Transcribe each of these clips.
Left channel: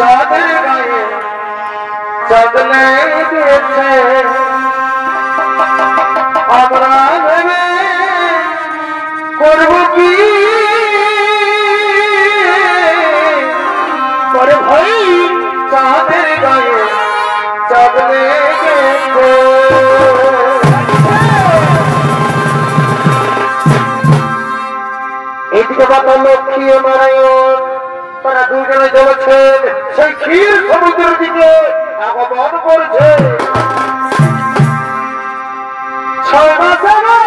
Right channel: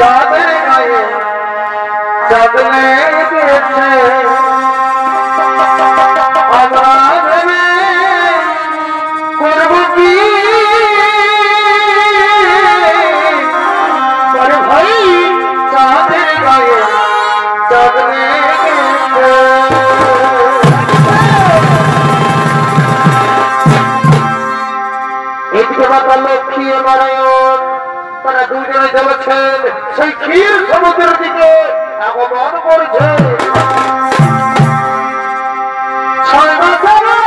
চাঁদের গায়ে চাঁদ লেগেছে আমরা ভেবে করব কি আরে ভাই চাঁদের গায়ে চাঁদ লেগেছে এদিকে বাবা লক্ষ্মী নারায়ণ তারা দুজনে চলেছেন সেই ক্ষীর সমুদ্রের দিকে আগমন করছে। 6 মাস আগে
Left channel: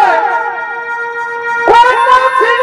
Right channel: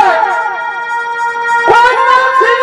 কন্যা ছিল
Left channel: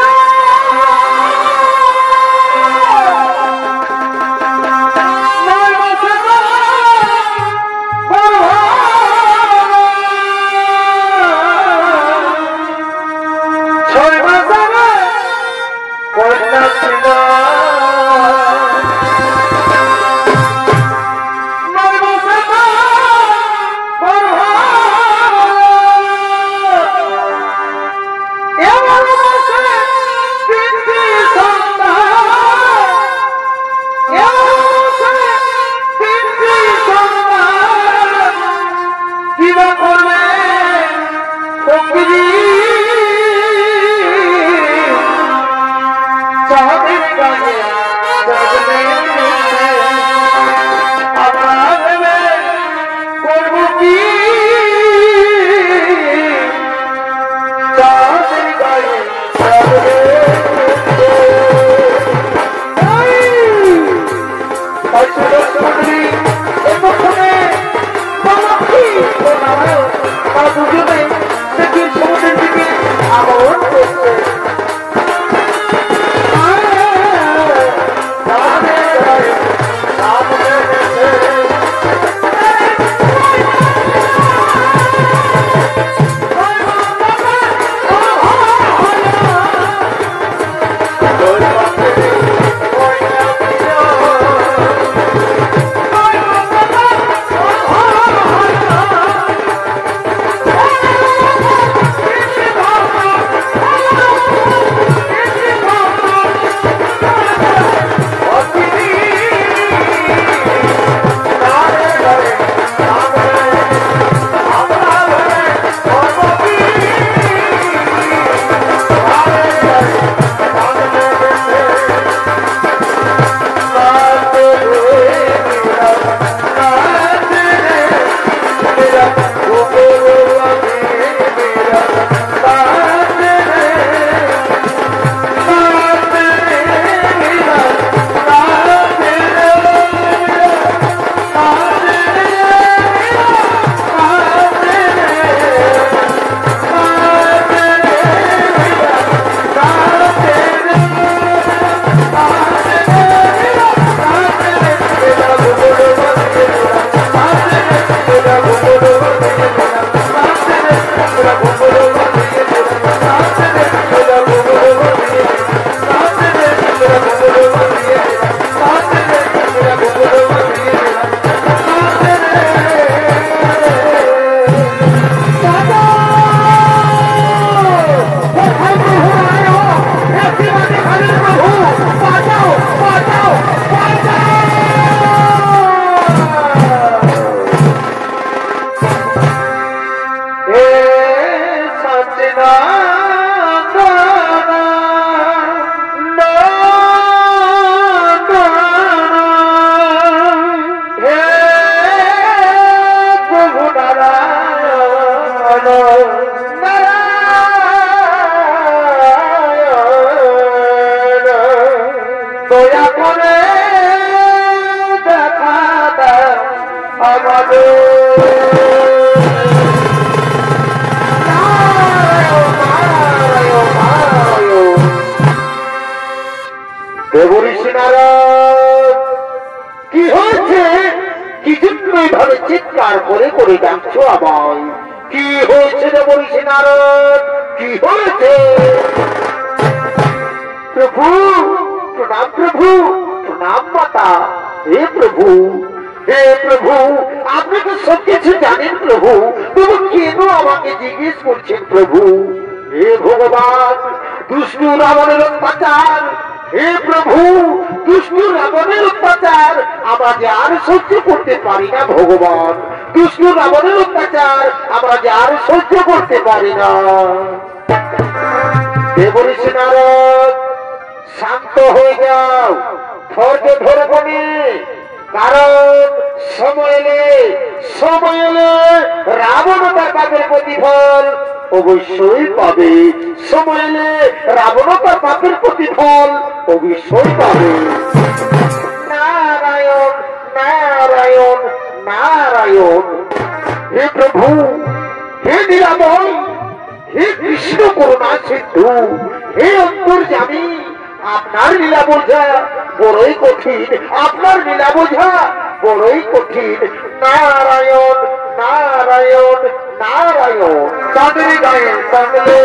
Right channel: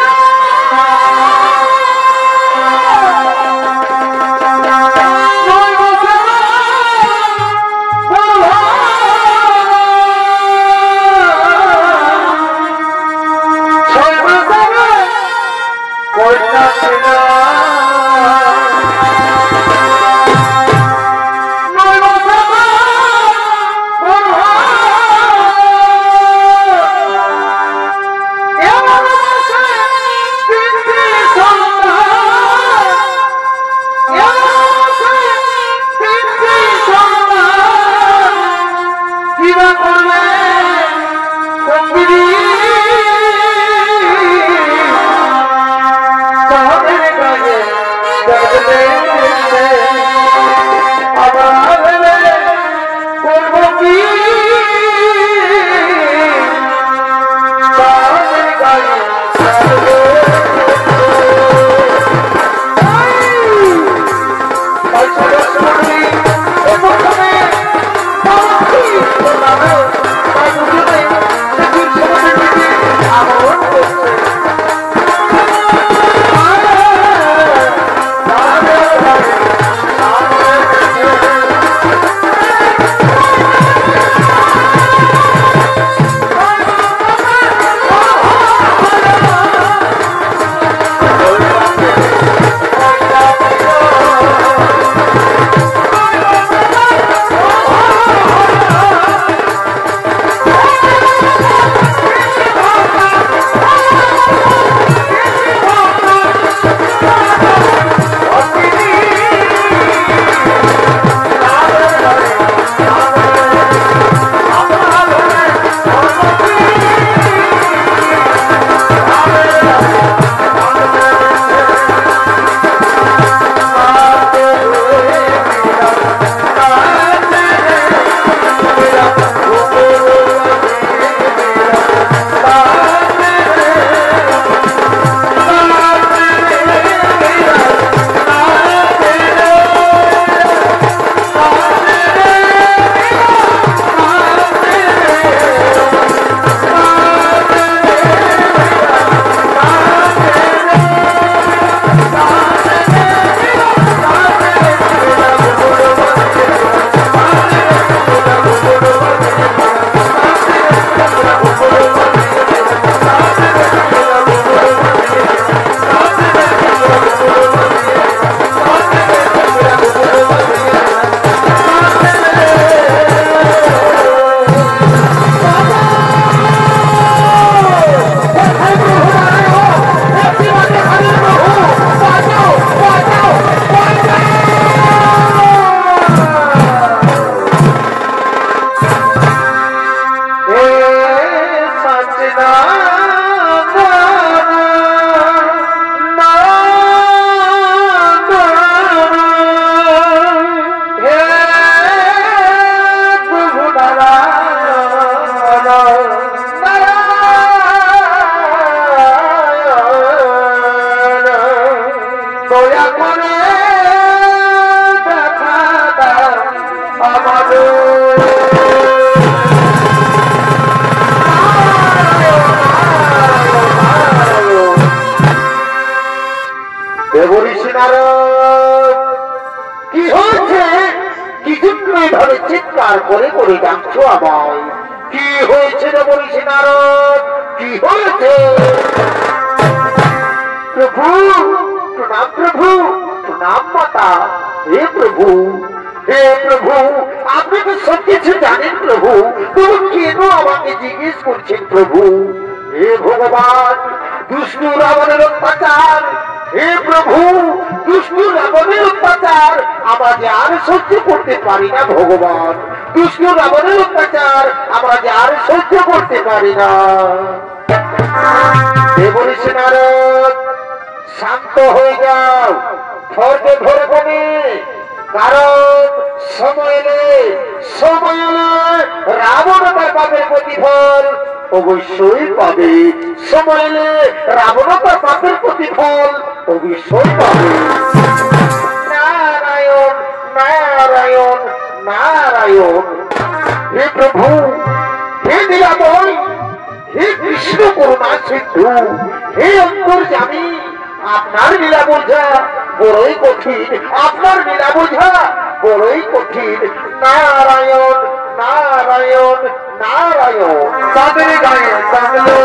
কি হয়েছে কি জন্য ধরে চিৎকার করে করে ডাকছো আমায় কি হয়েছে রে বলছি নারদ কি হয়েছে প্রভু প্রণাম প্রভু প্রণাম মাতা হে প্রভু আপনি তো সব কিছু জানেন প্রভু তুমি কেন আমাকে জিজ্ঞেস করছেন প্রভু হে ভগবান দুষ্টু রাবণের অত্যাচার हे प्रभु दुष्ट रावणের অত্যাচার আমরা যে আর সহ্য করতে পারি না ভগবান। কৃষ্ণ রাবণের অত্যাচার আমরা যে আর সহ্য করতে পারি না। দেবঋষি নারদ শান্ত হয়ে যাও, ধৈর্য ধরে বলি, কারণ সময় এলে রাবণ তার পাপের প্রতিফল অবশ্যই পাবে। সময় এলে রাবণ তার পাপের প্রতিফল অবশ্যই পাবে। নারায়ণ নারায়ণ নারায়ণ। হে প্রভু, হে লীলাময়, হে কৃষ্ণ করুণা সিন্ধু, হে অন্তর্যামী, আপনার লীলা বোঝা বড়ই কঠিন, আপনার লীলা বোঝা বড়ই কঠিন। নারায়ণ নারায়ণ নারায়ণ। তাদের গায়ে তাহলে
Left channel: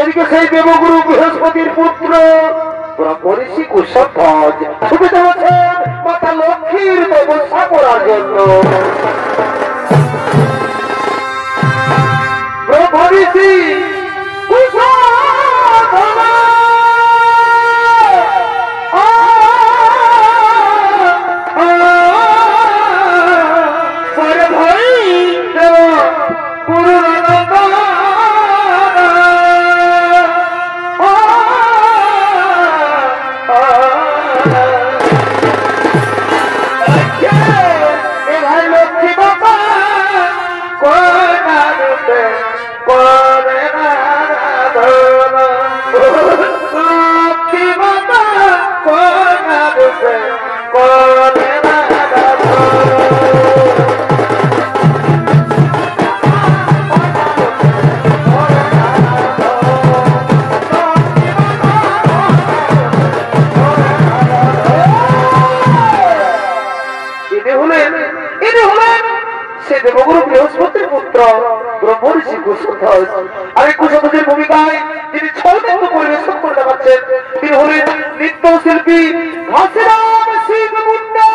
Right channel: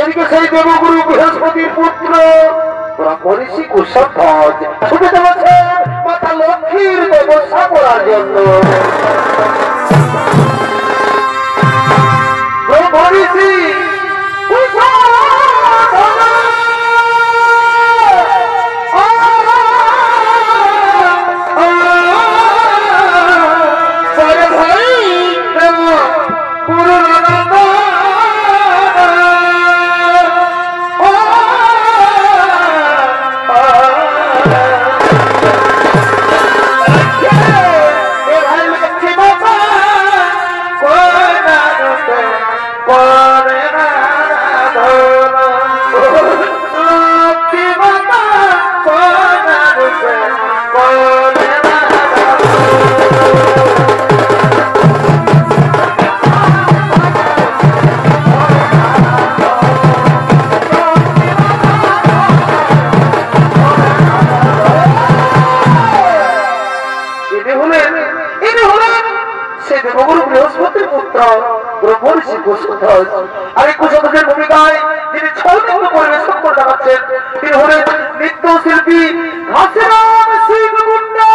এদিকে সেই দেবগুরু বৃহস্পতির পুত্র ব্রহ্মঋষি কুশধ্বজ ছুটে চলেছেন মাতা লক্ষ্মীর ব্যবস্থা করার জন্য। ব্রহ্মঋষি দেবগুরু বৃহস্পতির পুত্র ব্রহ্মঋষি কুশধ্বজ। আর এই কুশধ্বজের ভূমিকায় তিনি ছলনৃত্য পরিবেশন করতে পারছেন। তিনি হলেন নৃত্যশিল্পী ঘাসিরাম সিং মুন্ডা।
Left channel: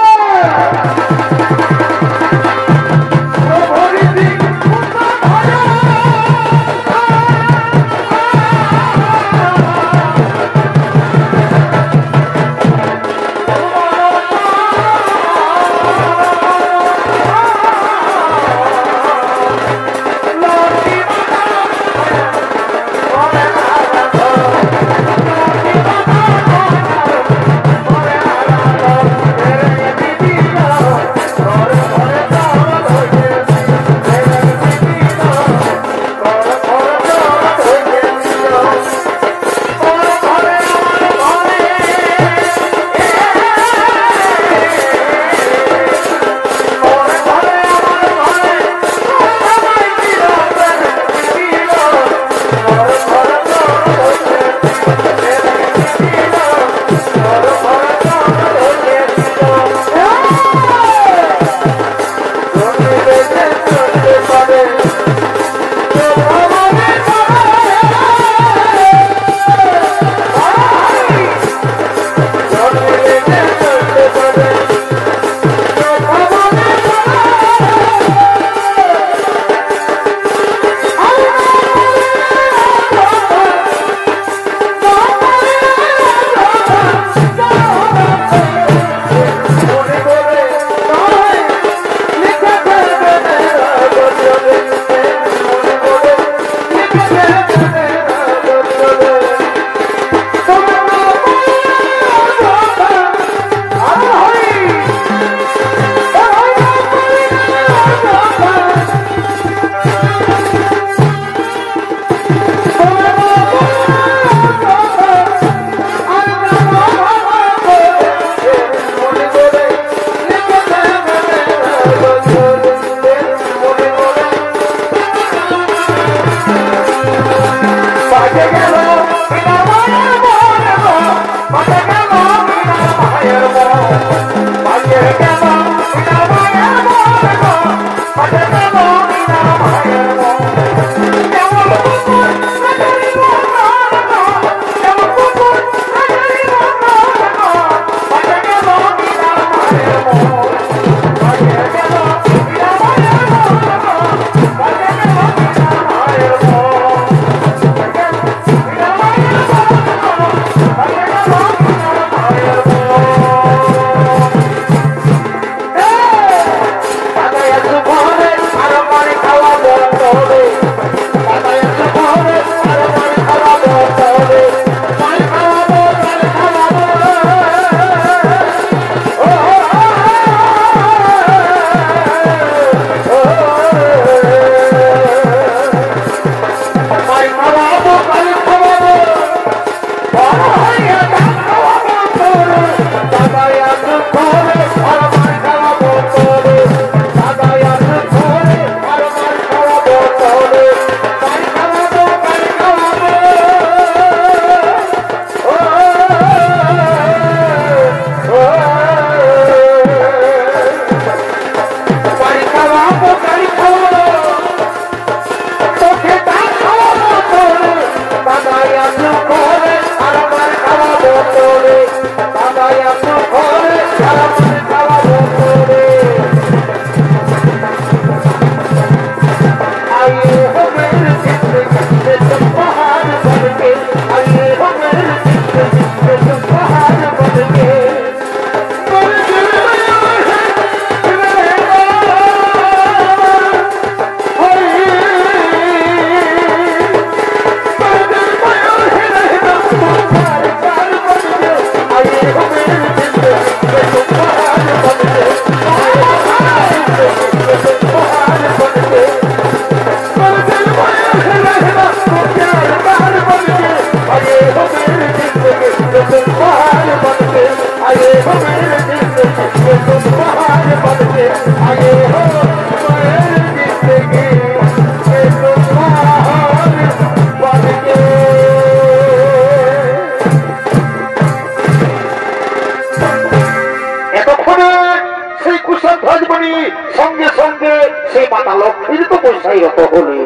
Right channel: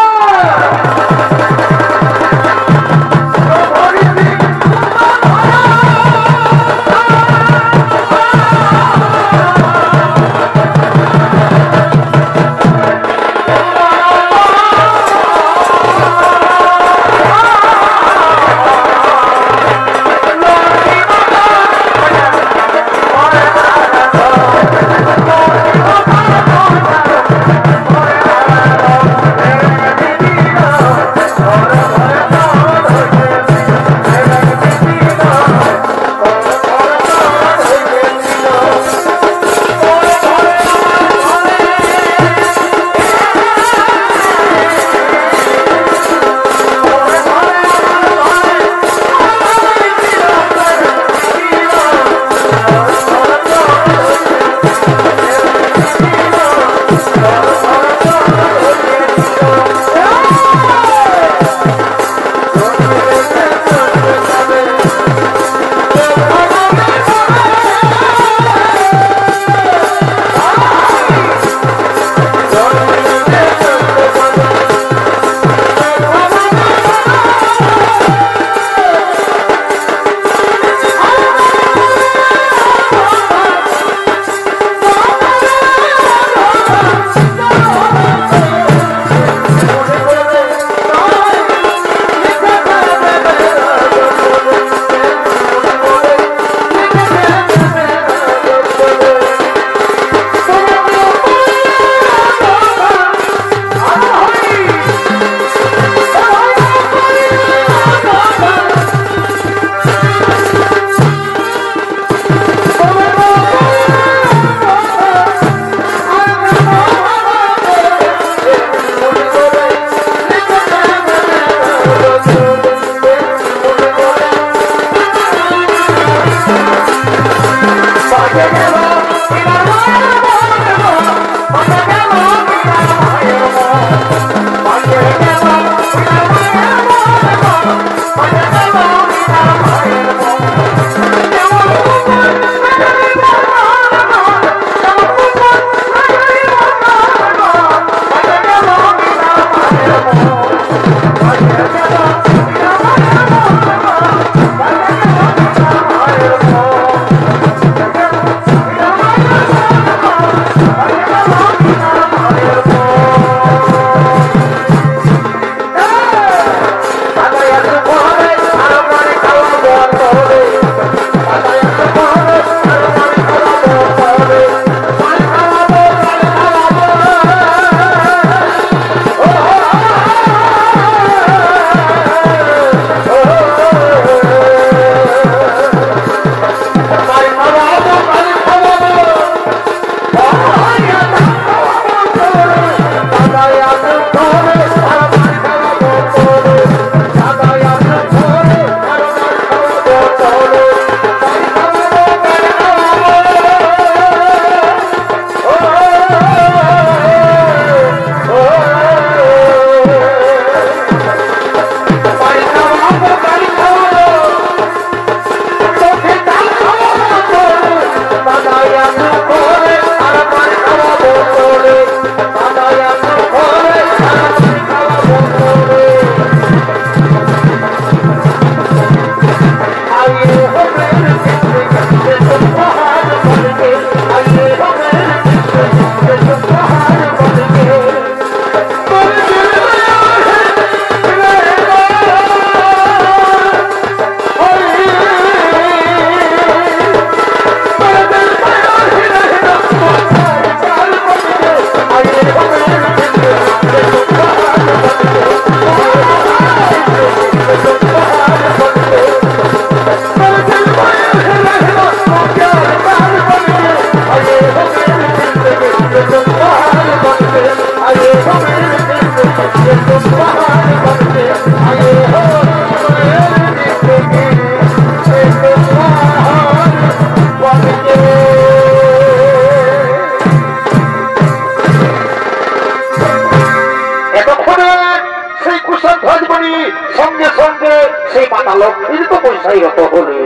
সঙ্গে সঙ্গে সেই মাতা লক্ষ্মীর তো পয়সাই রত হলে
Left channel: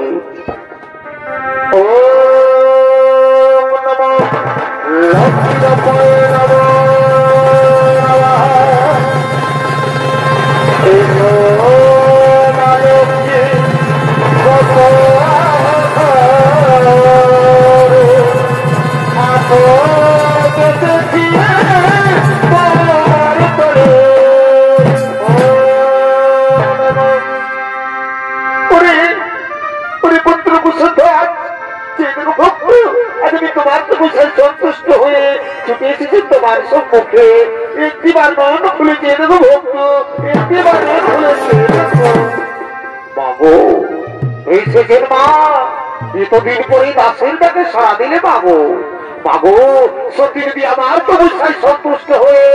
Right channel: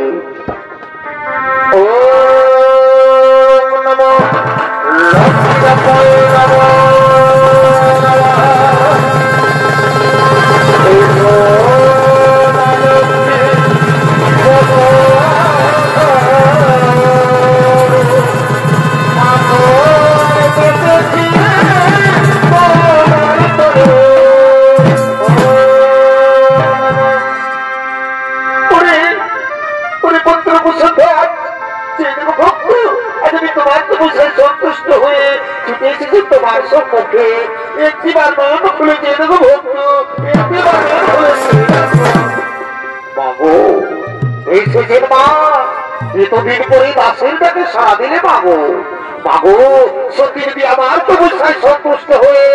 ও নমো লক্ষ্মী নমো সন্তুষ্ট হয়ে ছুটে এসেছে তোমার সম্মুখে একটিবার মন খুলে দিয়ে দেবো ভক্ত একটিবার মন খুলেছে বাবু এই সেজের মা এতদিন পরে দাসের ডাকে সারা দিলে বাবু বাবু সত্যি যদি আমার তপস্যায় সন্তুষ্ট হয়ে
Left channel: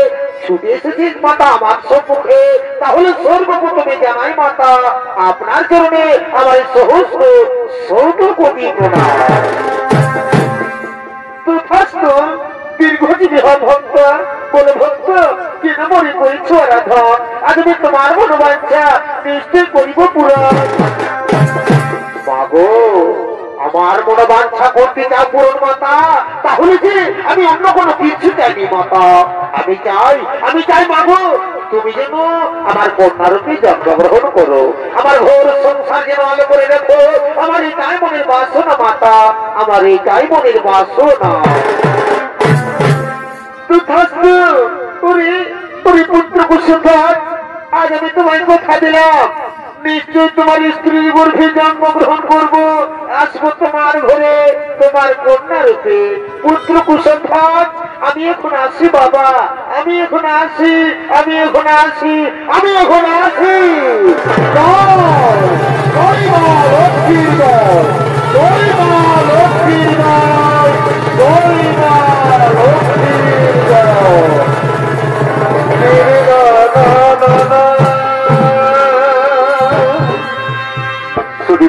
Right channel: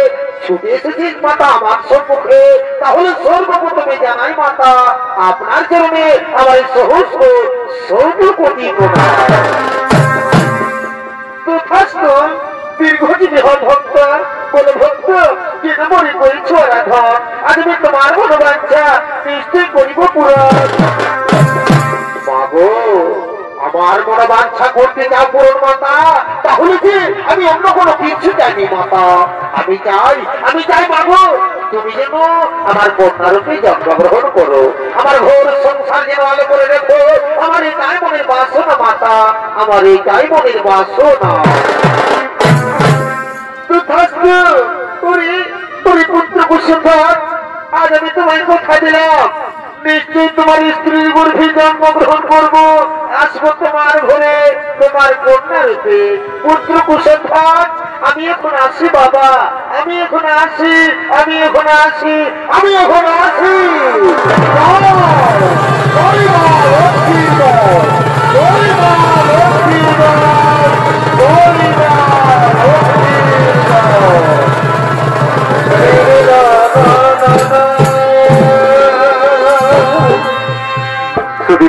ছুটে এসেছিস মাতা আমার সম্মুখে তাহলে সর্বপ্রথমে জানাই মাতা আপনার চরণে আমার সহস্র সর্বকোটি প্রণাম দীর্ঘজীবী হন ভক্ত বলে ভক্ত কেন মনে করিছ রাধা আজকে তোমার মনোবাঞ্ছা নিশ্চয় করিব পূরণ বাবু আমার মনোবাঞ্ছা করতে চাও পূরণ মাতা তাহলে যে আমি অন্য কোনো কিছু চাইনি মাতা আমি চাই বাবু তুমি যেন আমার কন্যারূপে জন্মগ্রহণ করো আমার ঘোর সংসার যেন আলো করে রেখো আমার এটাই মনের বাসনা মাতা আমার এটাই মনের বাসনা পুত্র কুসুমধ্বজ আজ আমি তোমায় কথা দিলাম নিশ্চয় তোমার স্ত্রীর গর্ভে জন্মগ্রহণ করবো আসবো তোমার ঘরে তোমার কন্যা রূপে পুত্র কুসুমধ্বজ আমি এখন আসি বাবা আমি এখন আসি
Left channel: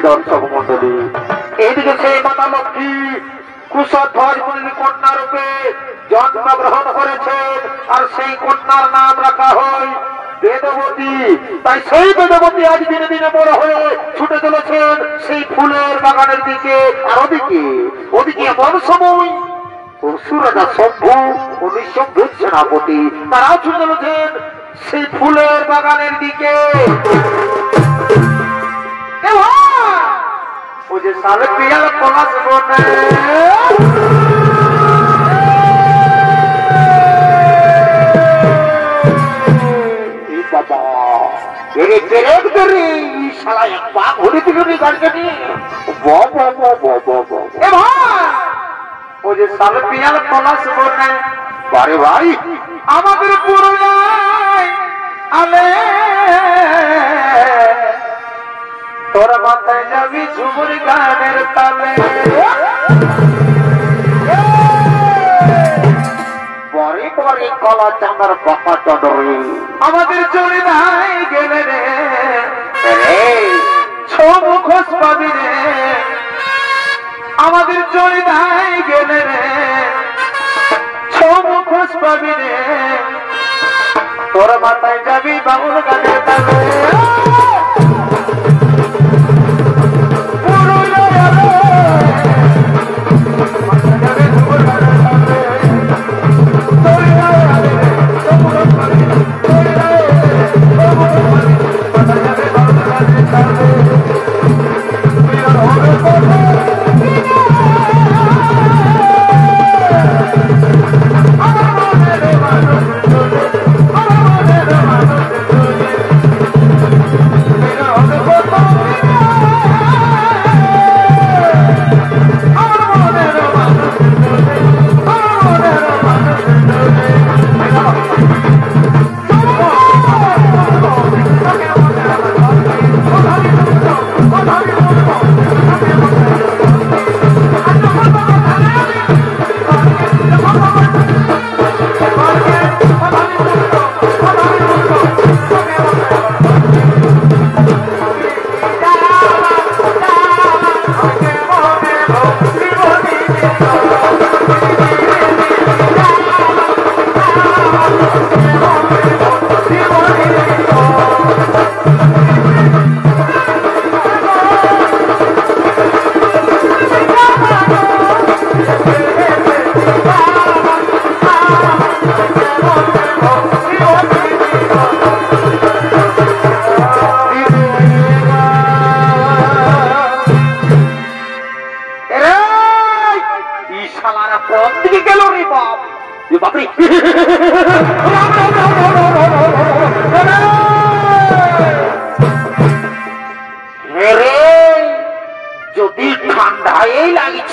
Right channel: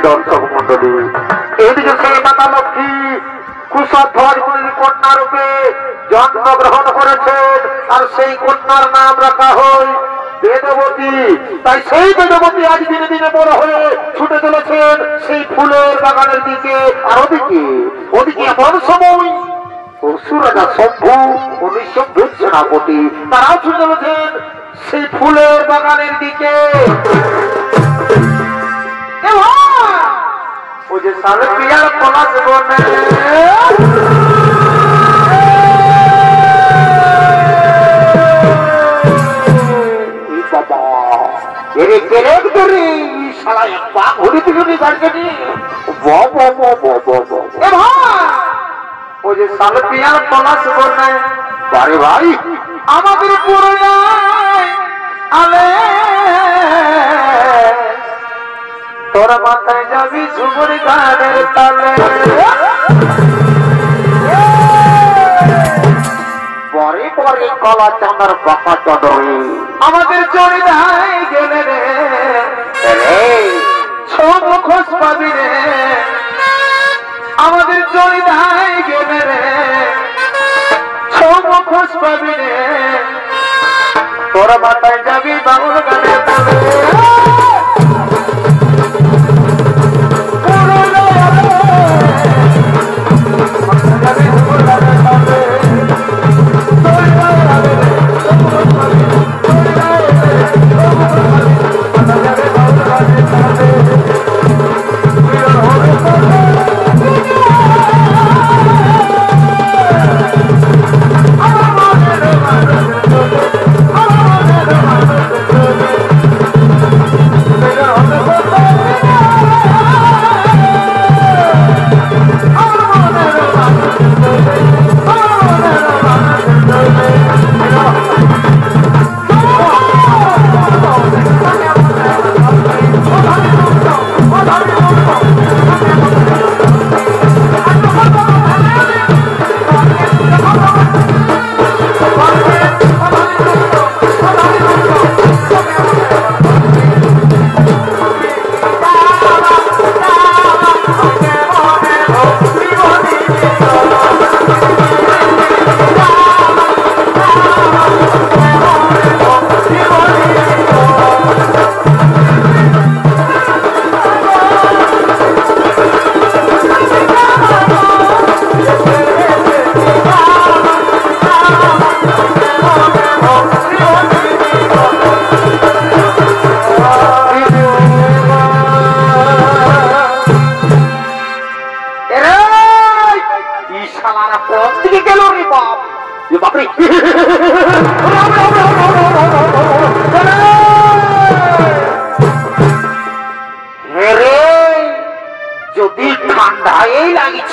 দর্শক মন্ডলী এইদিকে সেই মাতা লক্ষ্মী কুশধ্বজ মুনির কন্যা রূপে জন্মগ্রহণ করেছেন আর সেই কন্যার নাম রাখা হয় বেদবতী তাই সেই বেদবতী আজ দিনে দিনে বড় হয়ে ছুটে চলেছেন সেই ফুলের বাগানের দিকে আর ওদিকে এমন সময় পরশুরাজা শম্ভু ও নিঃশম্ভুর সেনাপতি তারা ছুটে চলেছেন সেই ফুলের বাগানের দিকে मुझे साल पिया कोला से बोलने बाबा तेरे तेरे साला एक बाप होने के लिए गाड़ी करनी मुझे साल पिया कोला से बोलने बारे भाई আমাদের পুরুলিয়ায় আলে তোরা মাথায় যাবি ঝুমুর গানের তালে পরে পরে কলা চাঁদার বাঁকা চদরে আমাদের চড়ে ধাই গেলে রে মুখোশ পাবি রে আমাদের চড়ে ধাই গেলে রে মুখোশ পাবি রে তোরা মাথায় যাবি বাবুর গানের তালে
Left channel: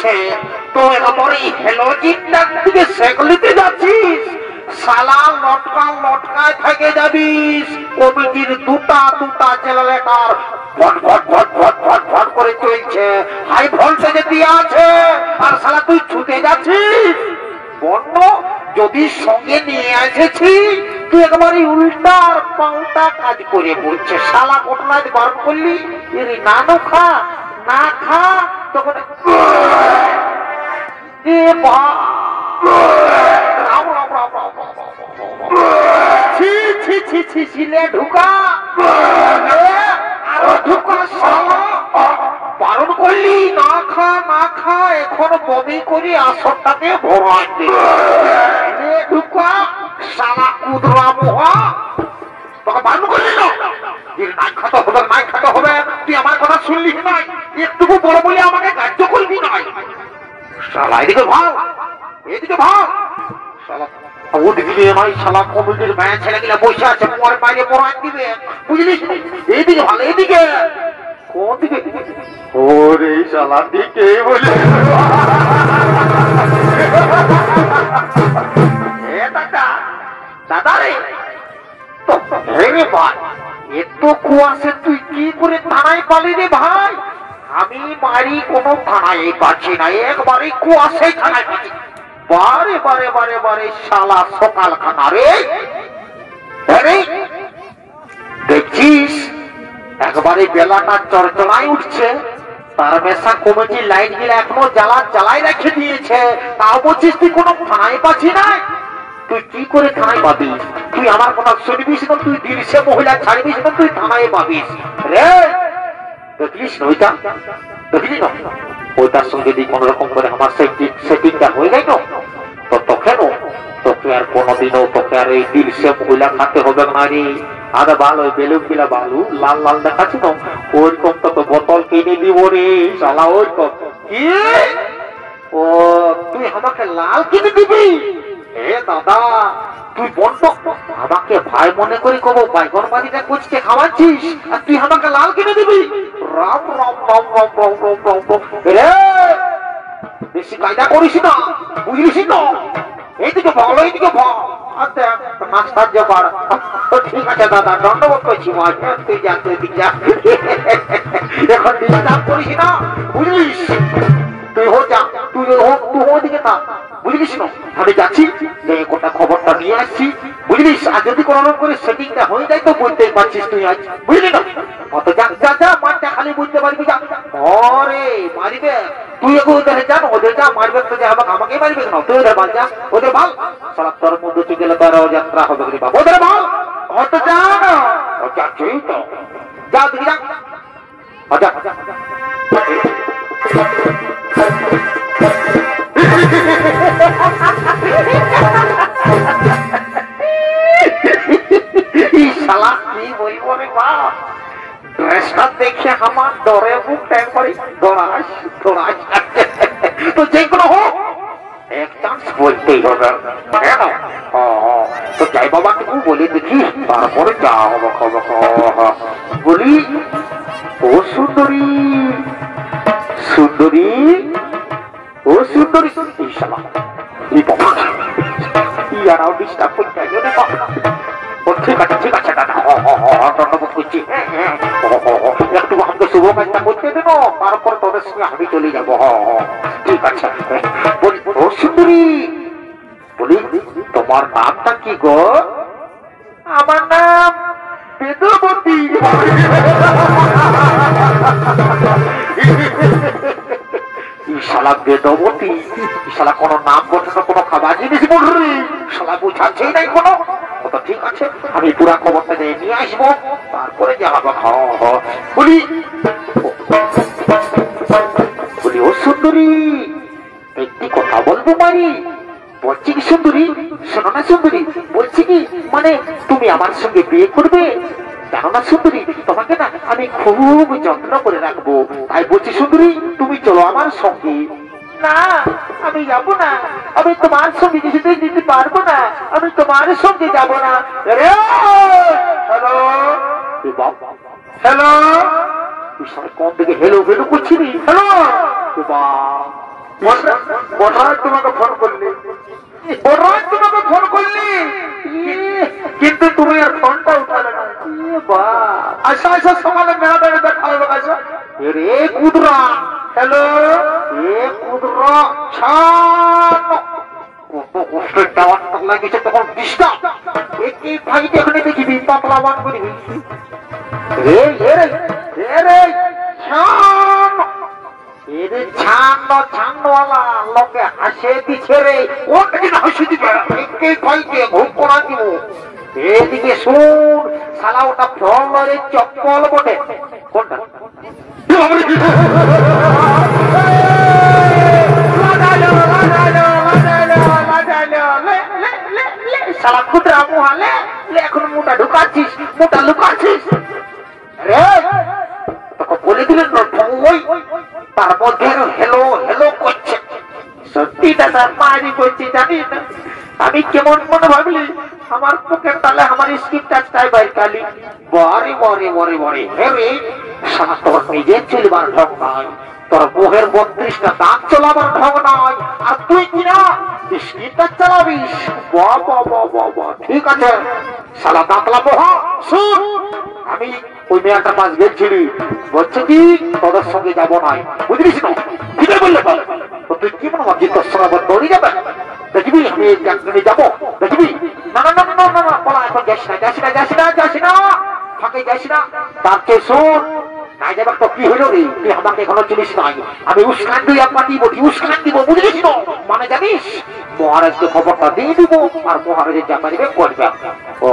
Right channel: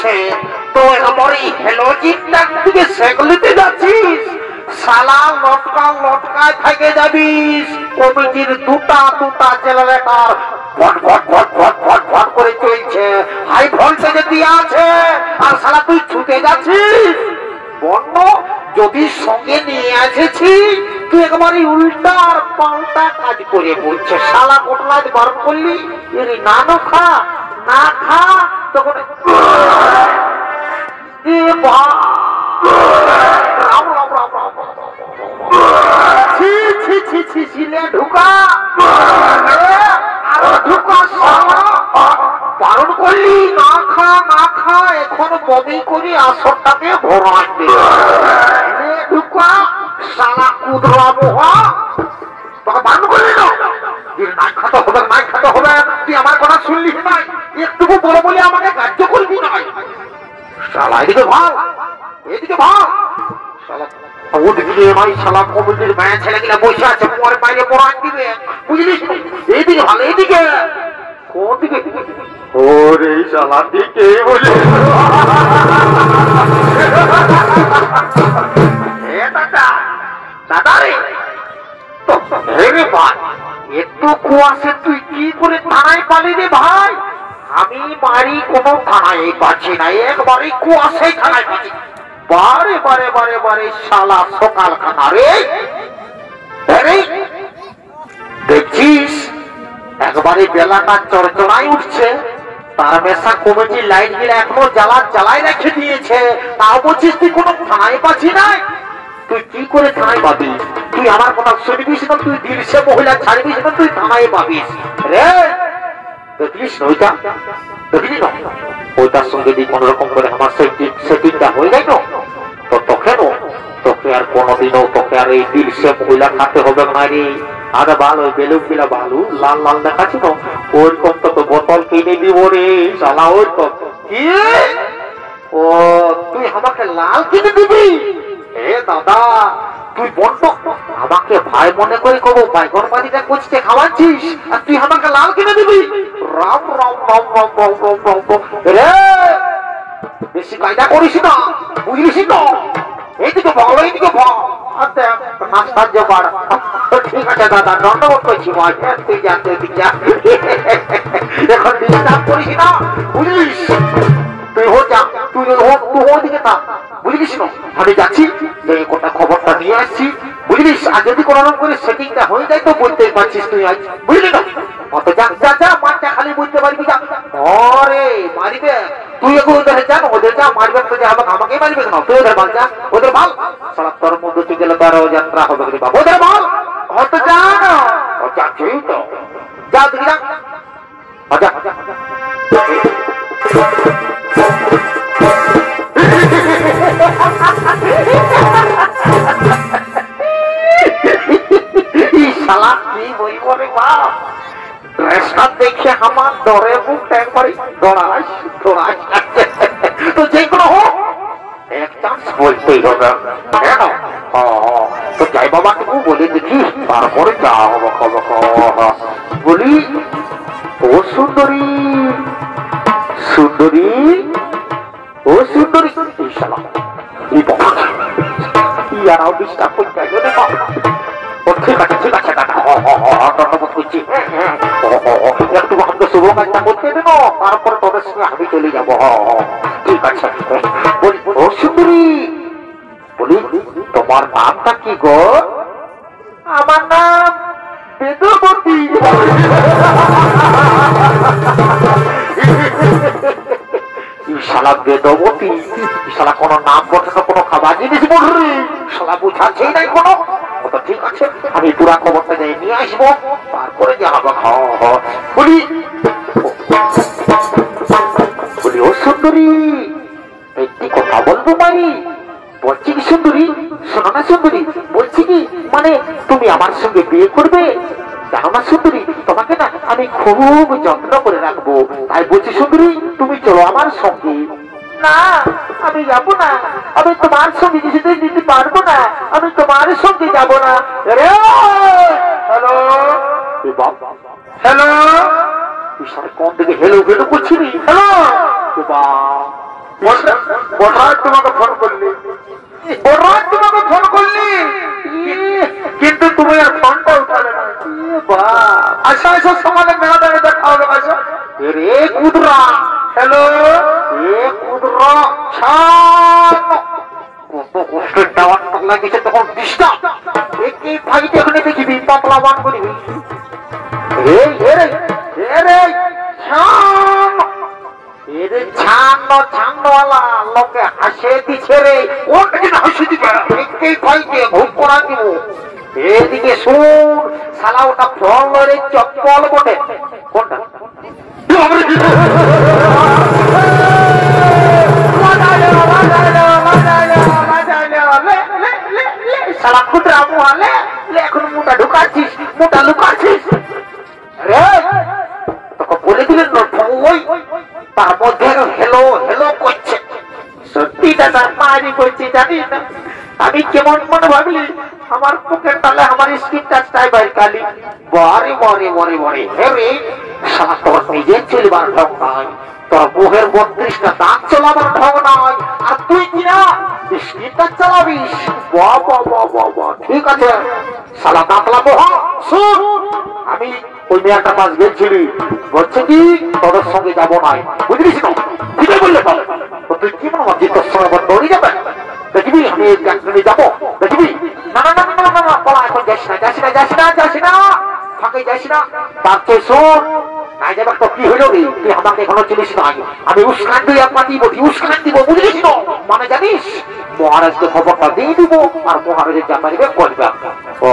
করছে তুই আমার এই হেলোজিনটার দিকে সেগলিতে যাচ্ছিস শালা লটকায় থেকে যাবিস কমিটির দুটা জেনারেটর ভট ভট ভট ভট ভট ভট করে চলছে হাই ভোল্টেজে দিয়ে আছে আর শালা তুই ছুটে যাচ্ছিস বন্য যদি সঙ্গে নিয়ে এসেছি তুই একেবারে উল্টার পাল্টা কাজ করে বলছে শালা কোটলায় বার করলি এর না খা না খা তখন এ রাম রাম রাম রাম ছি ছি ছি ছি ছিলে ঢুকা আরো ঢুকা শালা বারণ করলি না খা এখন বমি করি আসরটাকে ভরাই দে ঢুকা শালা কুদরা মোহা তোকে বারণ করলি না নাই খাতে হবে তুই আমার কথা শুনলি নাই একটুকু বড় বলে আমাকে কার্য করবি নাই শালা এদিকে ভাগ শালা ওদিকে ভাই শালা কমিটির গায়ে ছেলেগুলা বসে আছে পরে বাইরে পড়ান দিবে বুঝলিস এইদিকে ভালো এইদিকে কোন দিকে ওরে শালা দিকে বলে দাদা রে রে ভাই একটু কুয়াশে তুই কি করে থানায় পালি রে ভাই আমি বাড়ি কোনো থানায় পাচ্ছি না একবারে কুয়াশে থানায় পাচ্ছি বারে শালা সকাল খানা রে দেখছিস একবারে বেলাটা চড়চড়াই উঠছে তার মেশা কমিটি লাইট গিলা এখনো জ্বালাই রেখে দিয়েছে তাও বলছিস তুই কোনো থানায় পাচ্ছি না তুই কি করে থানায় পাবি তুই আমার কথা শুনবিস না তুই দিলসে মহিলা ছাড়বিস না তুই থানায় পাবিস রে দেখিস ওইটা দেখলি না ওইটার সঙ্গে যদি কোন রকম করে আমার সেটিংটা হয়ে যায় না তো তোকে আর কোনোদিনও তোকে আর এই দিলসে মহিলা খাতে হবে না রে আরে ভালো বেলুন গিলা ভালো লাল লাল দেখাচ্ছি না ওইরকম তো বোতল কিনে দিব রে শালা ওইরকম কি ও তুই আমাকে লাল কিনে দিবি এ দাদা তুই বন্ধ আমাকে ভাই মনে করে কব বাইগন বাড়িটা কোচকে খাওয়াচ্ছিস আর তুই আমাকে লাল কিনে দিবি রাম রাম রাম রাম রাম রাম রাম রে বেশি কায়দা করিস না বুঝলিস না এইদিকে ভালো এইদিকে ভালো আচ্ছা নাস্তার জোগাড় ঠিক আছে দাদা ধন্যবাদ করছি তুই যা এখন ডিস্টার্ব করিস না বুঝলিস তুই ওদিকে থাক বুঝলিস না আমি যাচ্ছি গোটা খবরটা নিয়ে আসছি বুঝলিস আর যদি কোন রকম করে সেটিংটা হয়ে যায় তো বলতে পারছিস তুই আজ বুঝলি না অত যা মাঠটা খালি বুঝতে পারবি যা অরে মারিবে তুই এখন ওদের জানো ওদের যা মারবে তো যে আমাকে মারবে না তুই ওদের ভাল যা ওদের ভাল সারা তোর মধ্যে তুই গেলে তোর যাত্রা হবে বাবা ওদের ভাল হয়তো জানো যাচ্ছেই তো যা তুই যা শালা কি বলবো রে বাপ ড্রেসটা দেখে আমার ডরে বুকটা একবারে দৌড়াস তো যে কোনো হোক এক চান্স বলতেই হবে কেন তো যাই বাবা তুমি বলে দেখি তারপরে যা হবে বলি ও সুন্দরী ও সুন্দরী শালা ইয়ারাও ডিস্টার্ব করতে ঠিক আছে দাদা ধন্যবাদ করছি একটু আমাকে শুভ কাজটা করতে দেব তারপর তোদের সঙ্গে আমি চলে যাব ঠিক আছে বলি ও সুন্দরী বলি তোমার নামটা কি গো আমার নাম বেদবতী শালা বেদবতী শালা কোন নাম বসানো কোন খাবার জিনিস বললি শালা বুঝাচ্ছেই নাই কোনো তো ঠিক আছে আমি পুরা খবরটা নিয়ে আসবো তারপরে যা হবে বলি ও সুন্দরী একটি কথা বলবো মারি বলছি কি সুন্দরী শোনো না সুন্দরী বলছি কি মানে তুমি আমার সঙ্গে বিয়ে করবে জানো না সুন্দরী তোমাকে না আমি খুব যত্ন করে রাখবো তাই বলছি সুন্দরী তুমি চলো আমার সঙ্গে না আমি যাবো না আমি তোমার সঙ্গে যেতে দিতে পারবো না আমি তোমার সঙ্গে যাবো না হ্যালো কোন দিকে হেলো করছি হ্যালো বড়রাজ তোমাকে ফোন করলি, বড়রাজ তোমাকে ফোন করলি, কিন্তু তুমি আর ফোনটা উঠালে না। আচ্ছা আচ্ছা সমানে মেলাটাকে দেখা হবে। আচ্ছা রে কুদরা, হ্যালো এ কুদরা কত কষ্টের টাওয়ার লাগিয়েছে তখন ডিস্টার্ব এই ভাইটা এখানে দেখিবি পাতলা বান করবি। লোকে হাসে দিচ্ছে রে, কোনটা কিনা হাসি দিবে ভাইকে ঘুম করা দিব। এদিকে শুন শালা ওটা ফলের চপ্পল বটে। কোনটা শালা খুদরা মুহালে এখন মোটা ঢুকাচ্ছিস, মোটা লুকাচ্ছিস রে। তোকে বলে দিলেন ওই তার মধ্যে হেলো হেলো করছে। সত্যি দাদা মারি করছি জানিস না আমি কেমন মনে ভাবলি আমার মুখের তালে আমার স্কিন টাচটাই বাইর কালি। বরে বরে বরে বরে হে শালা তোর নিজের চলবার ঢং নাই, তোর মুখের 32টা দাঁত চলাবার ঢং নাই, আর তুই কিনা স্কিন টাচ চালাবিস। ঠিক আছে শালা দাঁতলা মোহা শুন, আমি ওই মেয়েটার পাশ গেছিলি বলছে কি তোদের সঙ্গে যাবো নাই, বুঝলিস না? ঠিক বললে তো তুই কি মনে হচ্ছে তোর সঙ্গে দৌড়ে যাবে? দেখবি আমি যাবো, দেখবি না না না না না না বলা এখন যাস না যাস না যাস না যাস না ফাঁকে যাস না। তার তো শোন নাই যাবে তো কি হইল রে, তুই আমাকে এখনো চলিস না, আমি উস্কান দিয়ে একবার দিব, উস্কান দিব, বুঝলিস না? মানে জানিস মহারাজকে খবরটা দিয়ে দিব আর মহারাজের যা পারিবে করবে। ও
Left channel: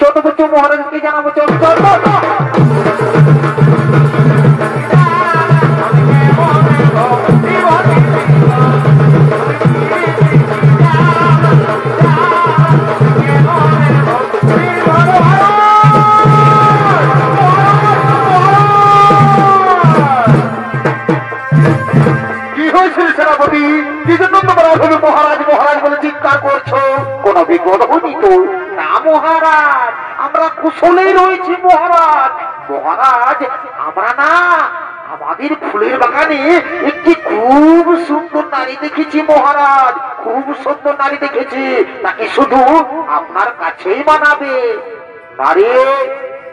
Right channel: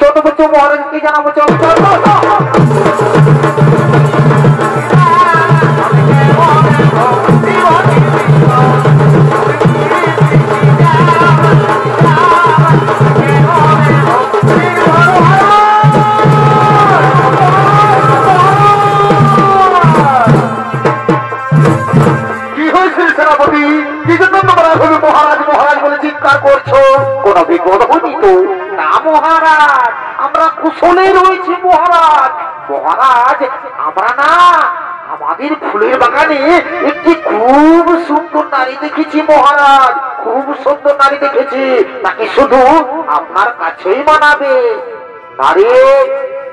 ছোট বচ্চ মহারাজকে জানাবো। চল চল মহারাজ মহারাজ বলে চিৎকার করছো, কোন বিপদ হয়নি তো? না মহারাজ আমরা কুশলে রয়েছি মহারাজ। মহারাজ আমরা না আমাদের ফুলের বাগানে একটি খুব সুন্দর নারী দেখেছি মহারাজ, খুব সুন্দর নারী দেখেছি, তাকে শুধু আপনার কাছেই মানাবে। নারী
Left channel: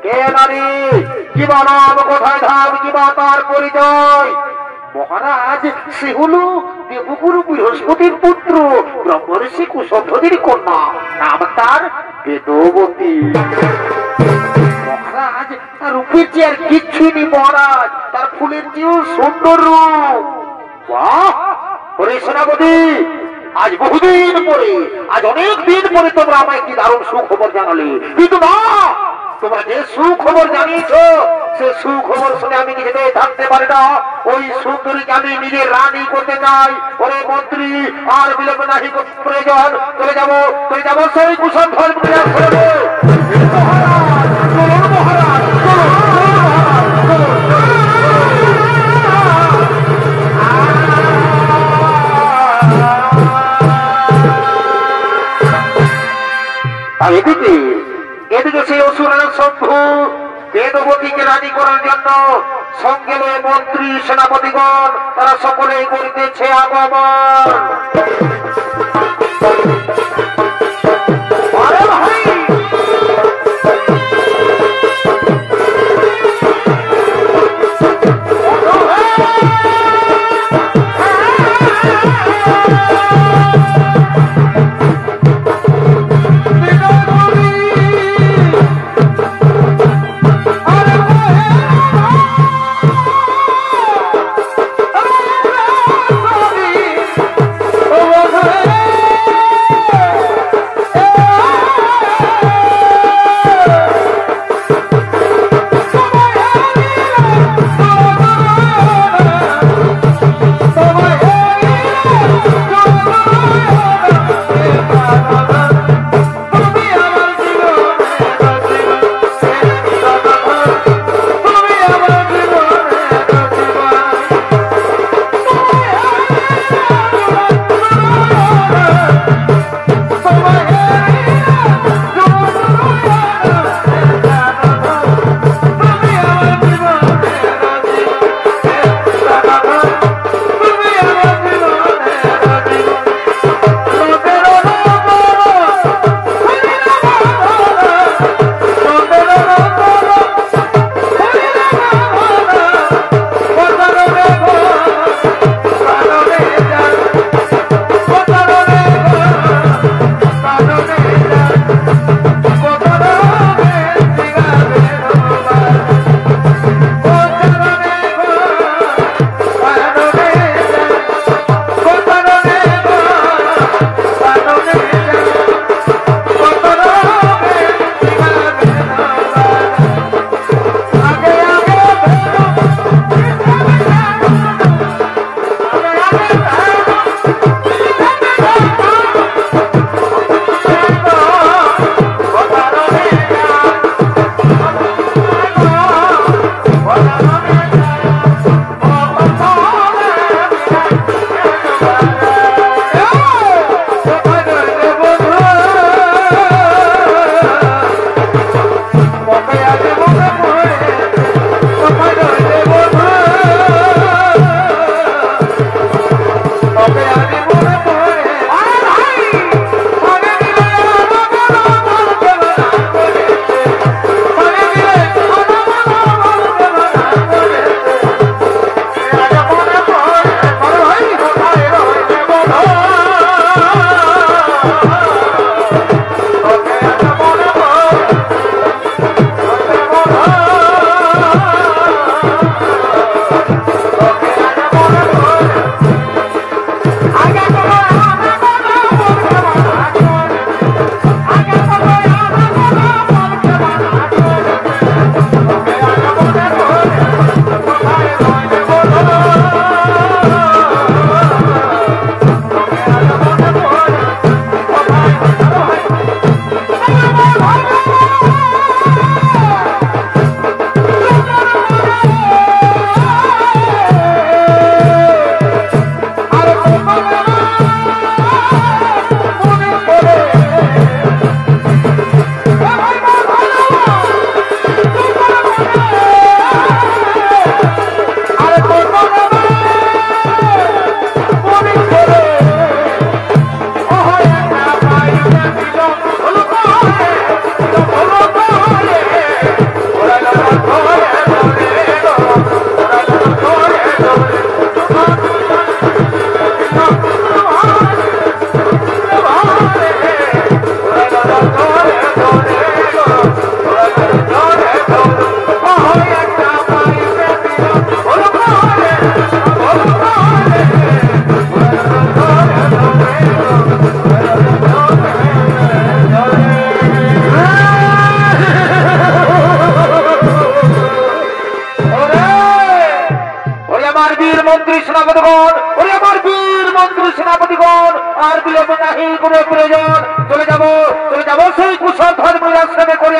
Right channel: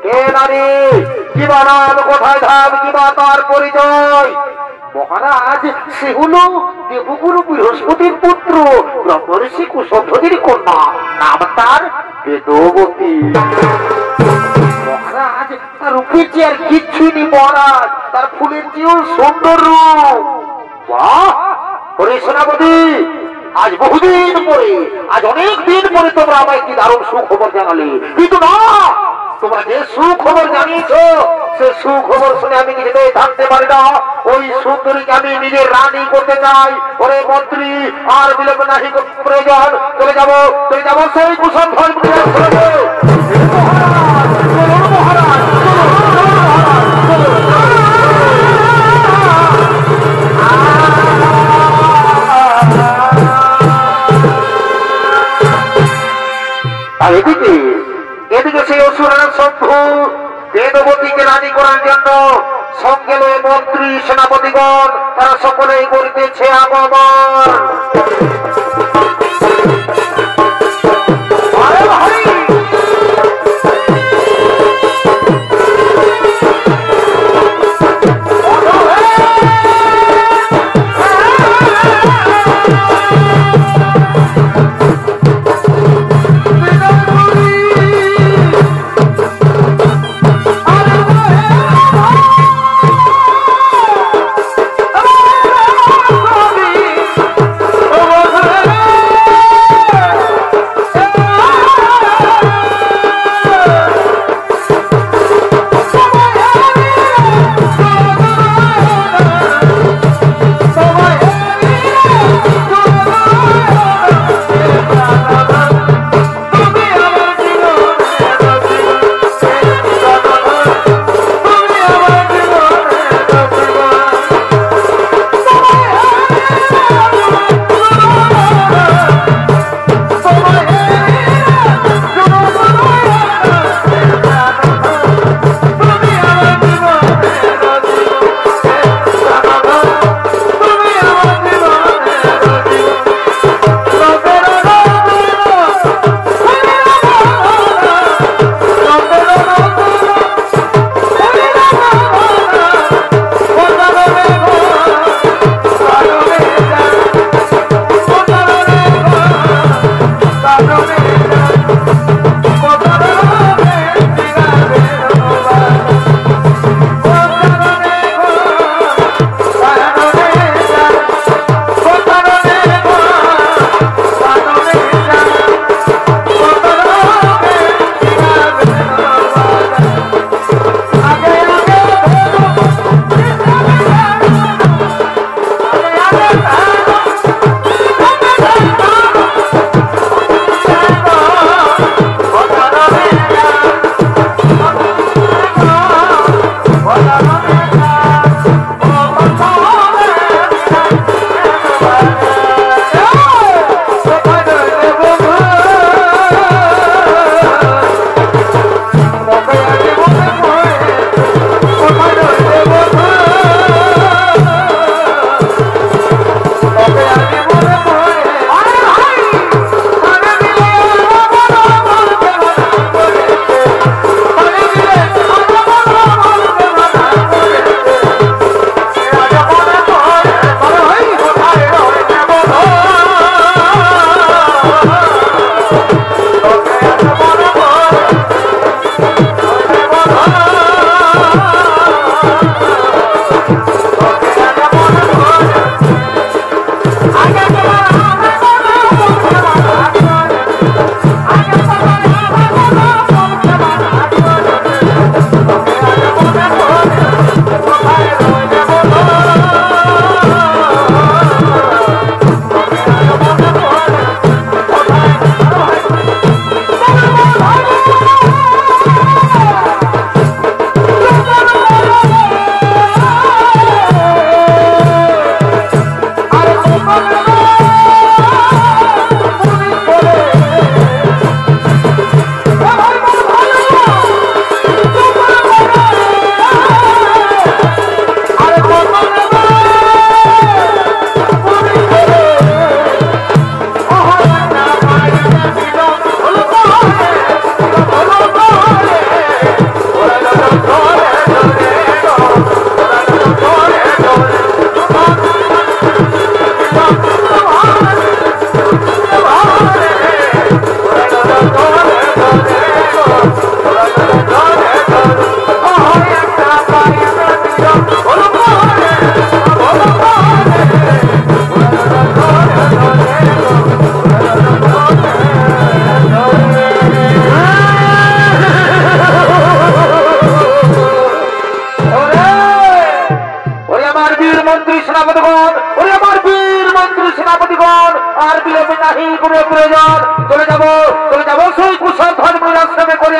কে নারী, কি বানাম, কোথায় ধাম, কি বা তার পরিচয়? মহারাজ সে হলো দেবগুরু বৃহস্পতির পুত্র ব্রহ্মর্ষি কুশধ্বজের কন্যা, নাম তার বেদবতী। মহারাজ তার রূপের যে আর কিচ্ছুই নেই মহারাজ, তার ফুলের চেয়েও সুন্দর রূপ। বাহ ওরে সেনাপতি, আজ বহুদিন পরে, আজ অনেক দিন পরে তোমরা আমায় কি দারুণ সুখবর জানালে, কিন্তু না তোমরা যে সুখবর জানিয়েছো সে সুখবর শুনে আমি নিজেকে থাকতে পারি না। ওই সুন্দরীকে আমি নিজের রানী করতে চাই। ওরে মন্ত্রী আর বিলম্ব নাহি প্রয়োজন, চলে যাবো সেই কুশল ধর্ম মহারাজ। চলুন মহারাজ, আর এদিকে এদিকে সেই অসুরের শত্রু বেদবতীকে রানী করার জন্য সঙ্গে মন্ত্রী সেনাপতিগণ তারা সকলেই করিতেছে আগমন।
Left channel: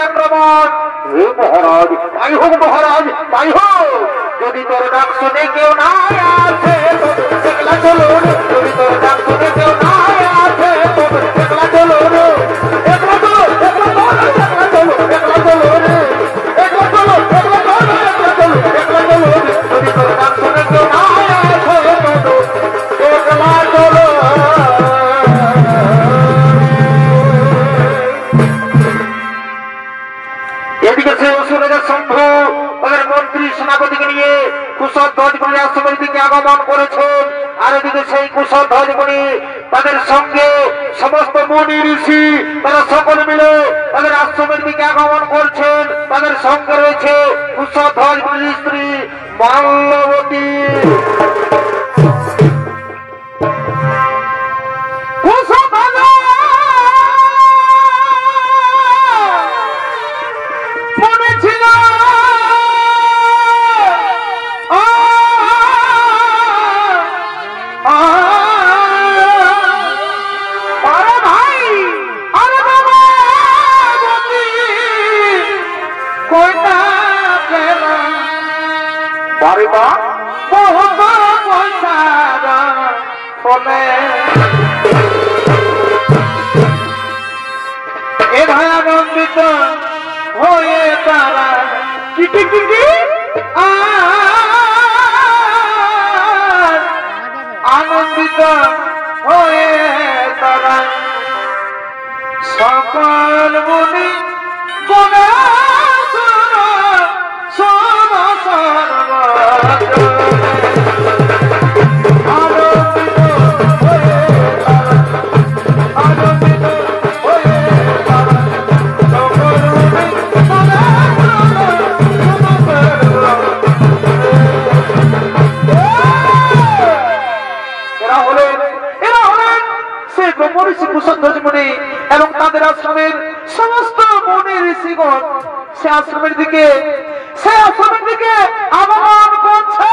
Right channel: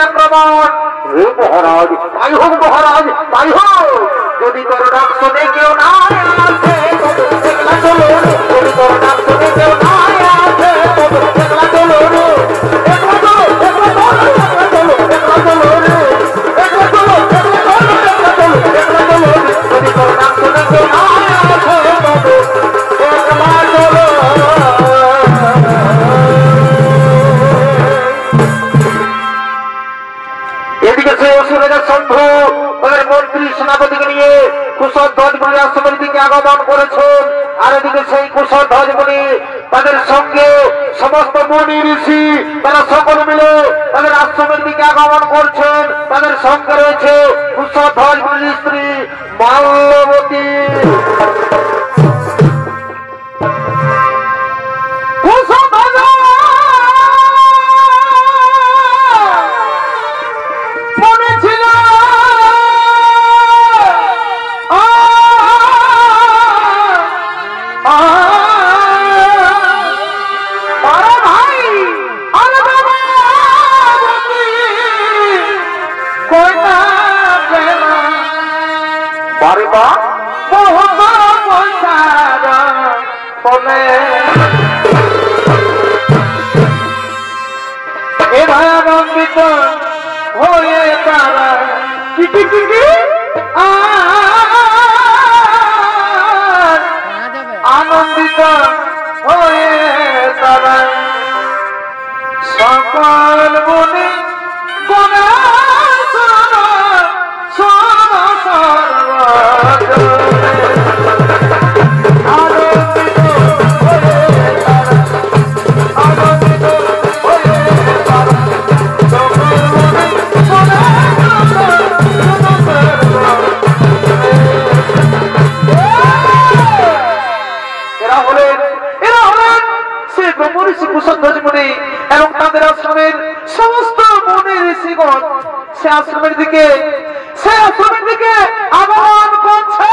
আক্রমণ। হে মহারাজ, তাই হোক মহারাজ, তাই হোক। যদি তোর ডাক শুনে কেউ না আসে তবে একলা চলো রে। যদি তোর ডাক শুনে কেউ না আসে তবে একলা চলো রে। একলা চলো, একলা চলো, একলা চলো, একলা চলো রে। একলা চলো, একলা চলো, একলা চলো, একলা চলো রে। যদি তোর ডাক শুনে কেউ না আসে তবে একলা চলো। এদিকে সে অসুরের শম্ভু তাদের মন্ত্রী সেনাপতিকে নিয়ে কুশল ধ্বজমণি আশ্রমের দিকে আগমন করেছেন। আর এদিকে সেই কুশল ধ্বজমণি তাদের সঙ্গে সমস্ত মুনি ঋষি তারা সকলে মিলে তাদের আশ্রমের দিকে আগমন করছেন। তাদের সঙ্গে রয়েছে কুশল ধ্বজমণির স্ত্রী মাল্যবতী। আনন্দিত হয়ে তারা আনন্দিত হয়ে তারা সকল মুনি গুণে এবং তাদের আশ্রমের সমস্ত মুনি ঋষিগণ সে আশ্রমের দিকে আগমন করছে।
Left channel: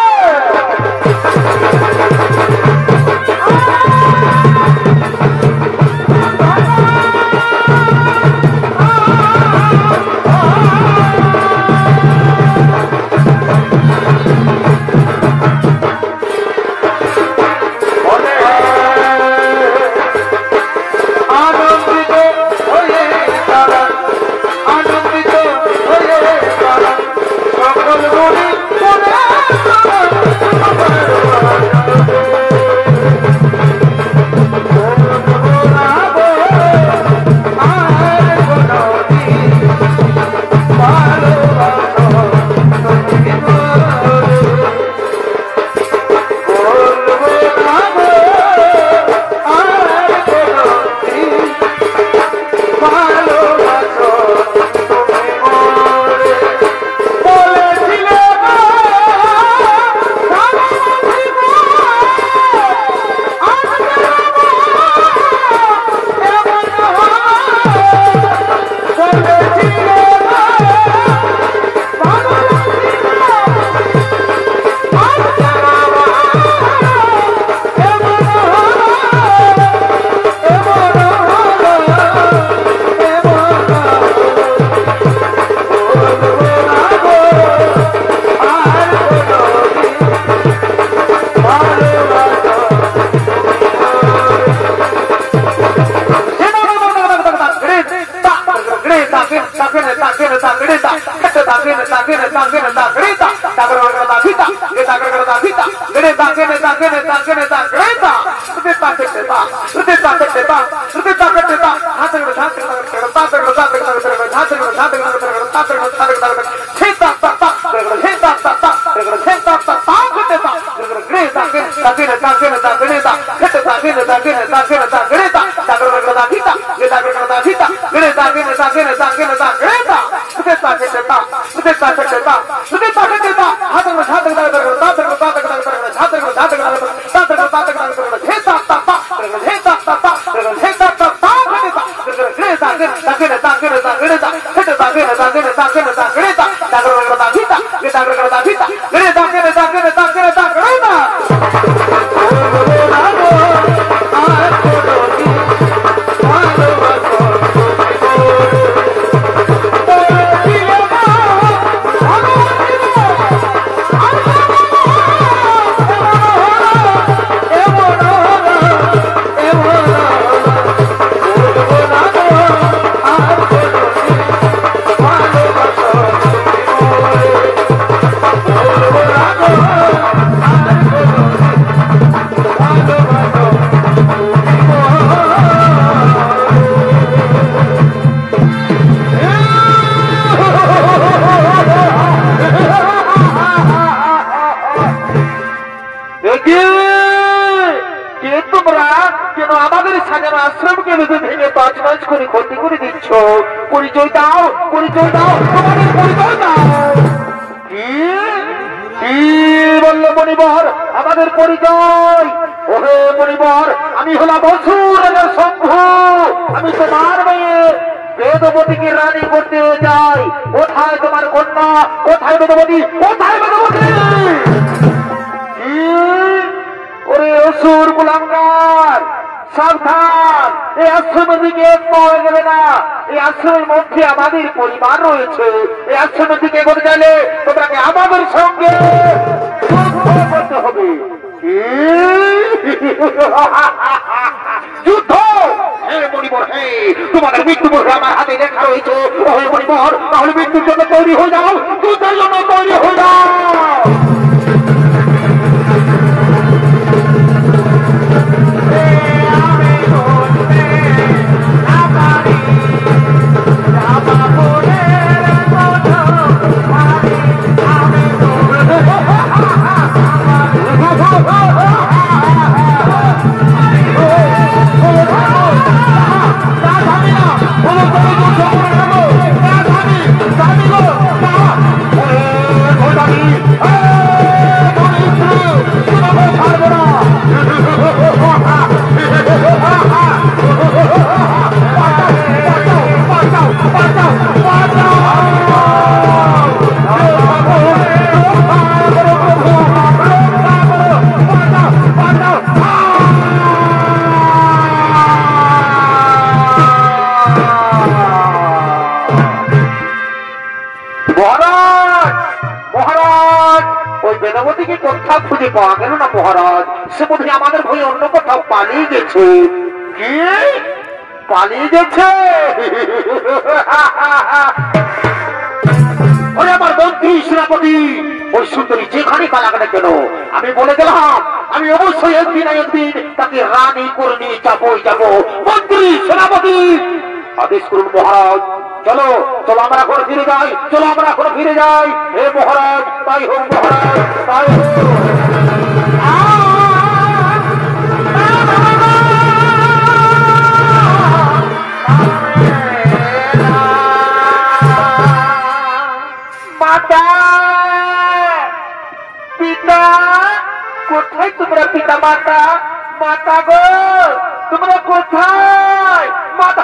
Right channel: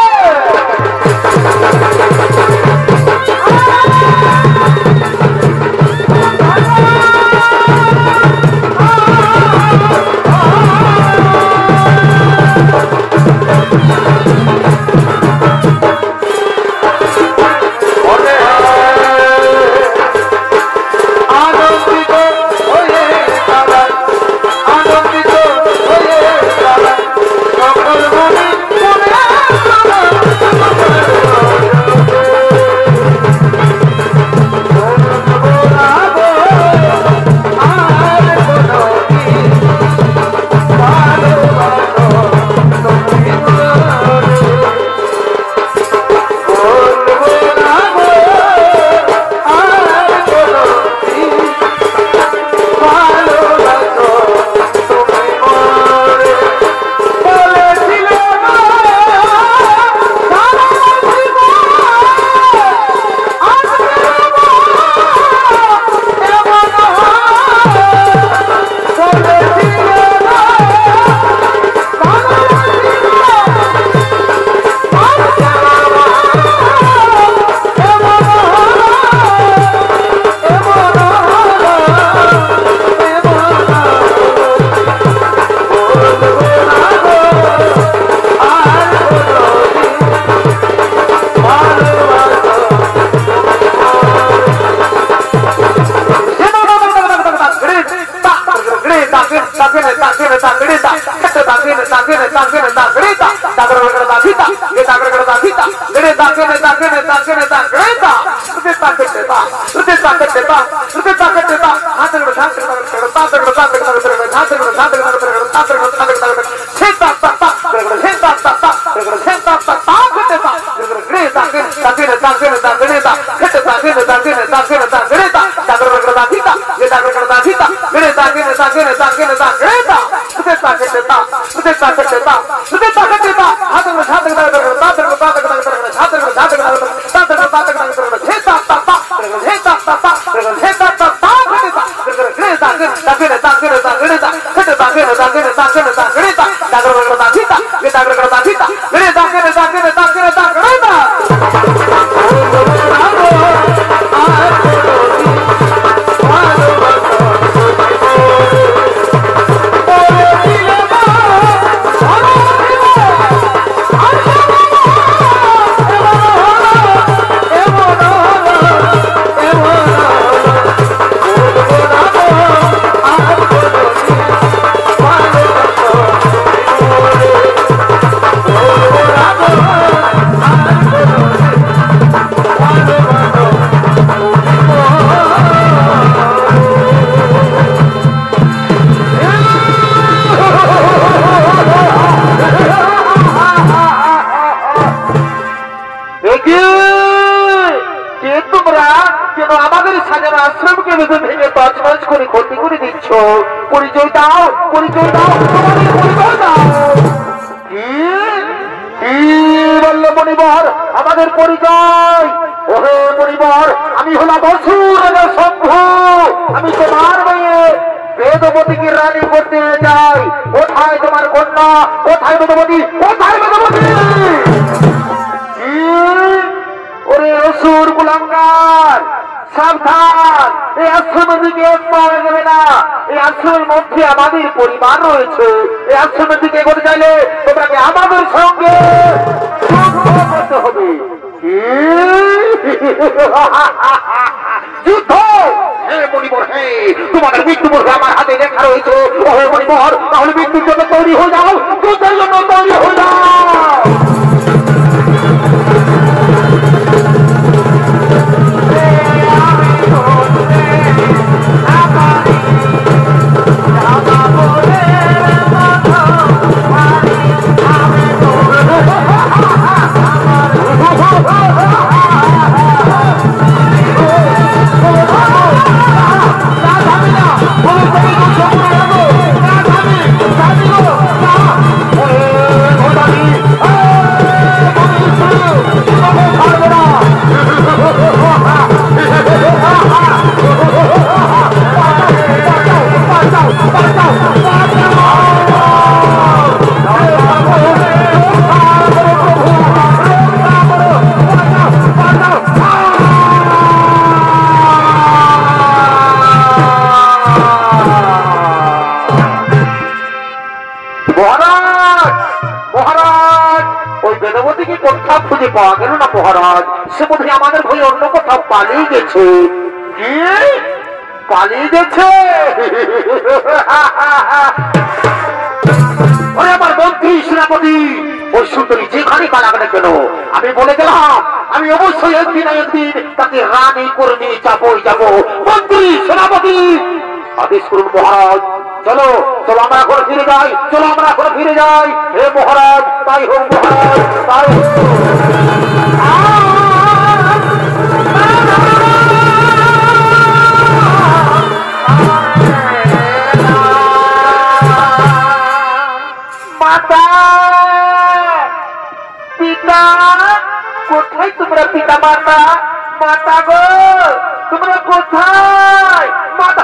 তছনছ করে ক্ষতি করে দিচ্ছ। পরিচয় দাও, পরিচয় দাও, তোমাদের পরিচয় দাও। কি কি বললো মণিবর? আমাদের পরিচয়? ওহে মণিবর, আমি হলাম অসুর রাজা শম্ভু। আমি তোমার মেয়ে বেদবতীকে রানী করতে চাই। কোথায় তোমার কন্যা? কোথায় বেদবতী? কোথায় বেদবতী? ওরে অসুর কুলাঙ্গার, সাবধান! এই আশ্রমের দিকে এক পাওয়া যাবে না। এই আশ্রমের মধ্যে আমাদের পরিবার রয়েছে। এই আশ্রমের দিকে এগোতে চাইলে তোমাকে আমাদের সঙ্গে যুদ্ধ করতে হবে। যুদ্ধ? হে মণিবর, হে, তোমাদের মৃত্যু বলবে আমার হাতে লেখা রয়েছে। ও হে মণিবর, তাহলে মৃত্যুর জন্য তৈরি হয়ে যাও, যুদ্ধের জন্য তৈরি হয়ে যাও। বেদবতীকে কোথাও খুঁজে পাওয়া গেল না মহারাজ। সে বোধহয় আমাদের ভয় অন্য কোথাও পালিয়ে গেছে। কি পালিয়ে গেছে? ওরে আমার মন্ত্রী সেনাপতি, ওই সুন্দরী যেখানে পালাক না কেন, আমি বলে গেলাম আমি অবশ্যই একদিন একদিন তাকে রানী করে নিয়ে যাবোই যাবো। মন্ত্রী সেনাপতি আদেশ করুন মহারাজ। চলো চলো আমরা এখন ফিরে যাই, চলো আমরা এখন ফিরে যাই। হে মহারাজ, তাই হোক মহারাজ, তাই হোক। মাতা, পিতা কোথায় তোমরা? পিতা মাতা, মাতা গো তোমরা কোথায়? মাতা,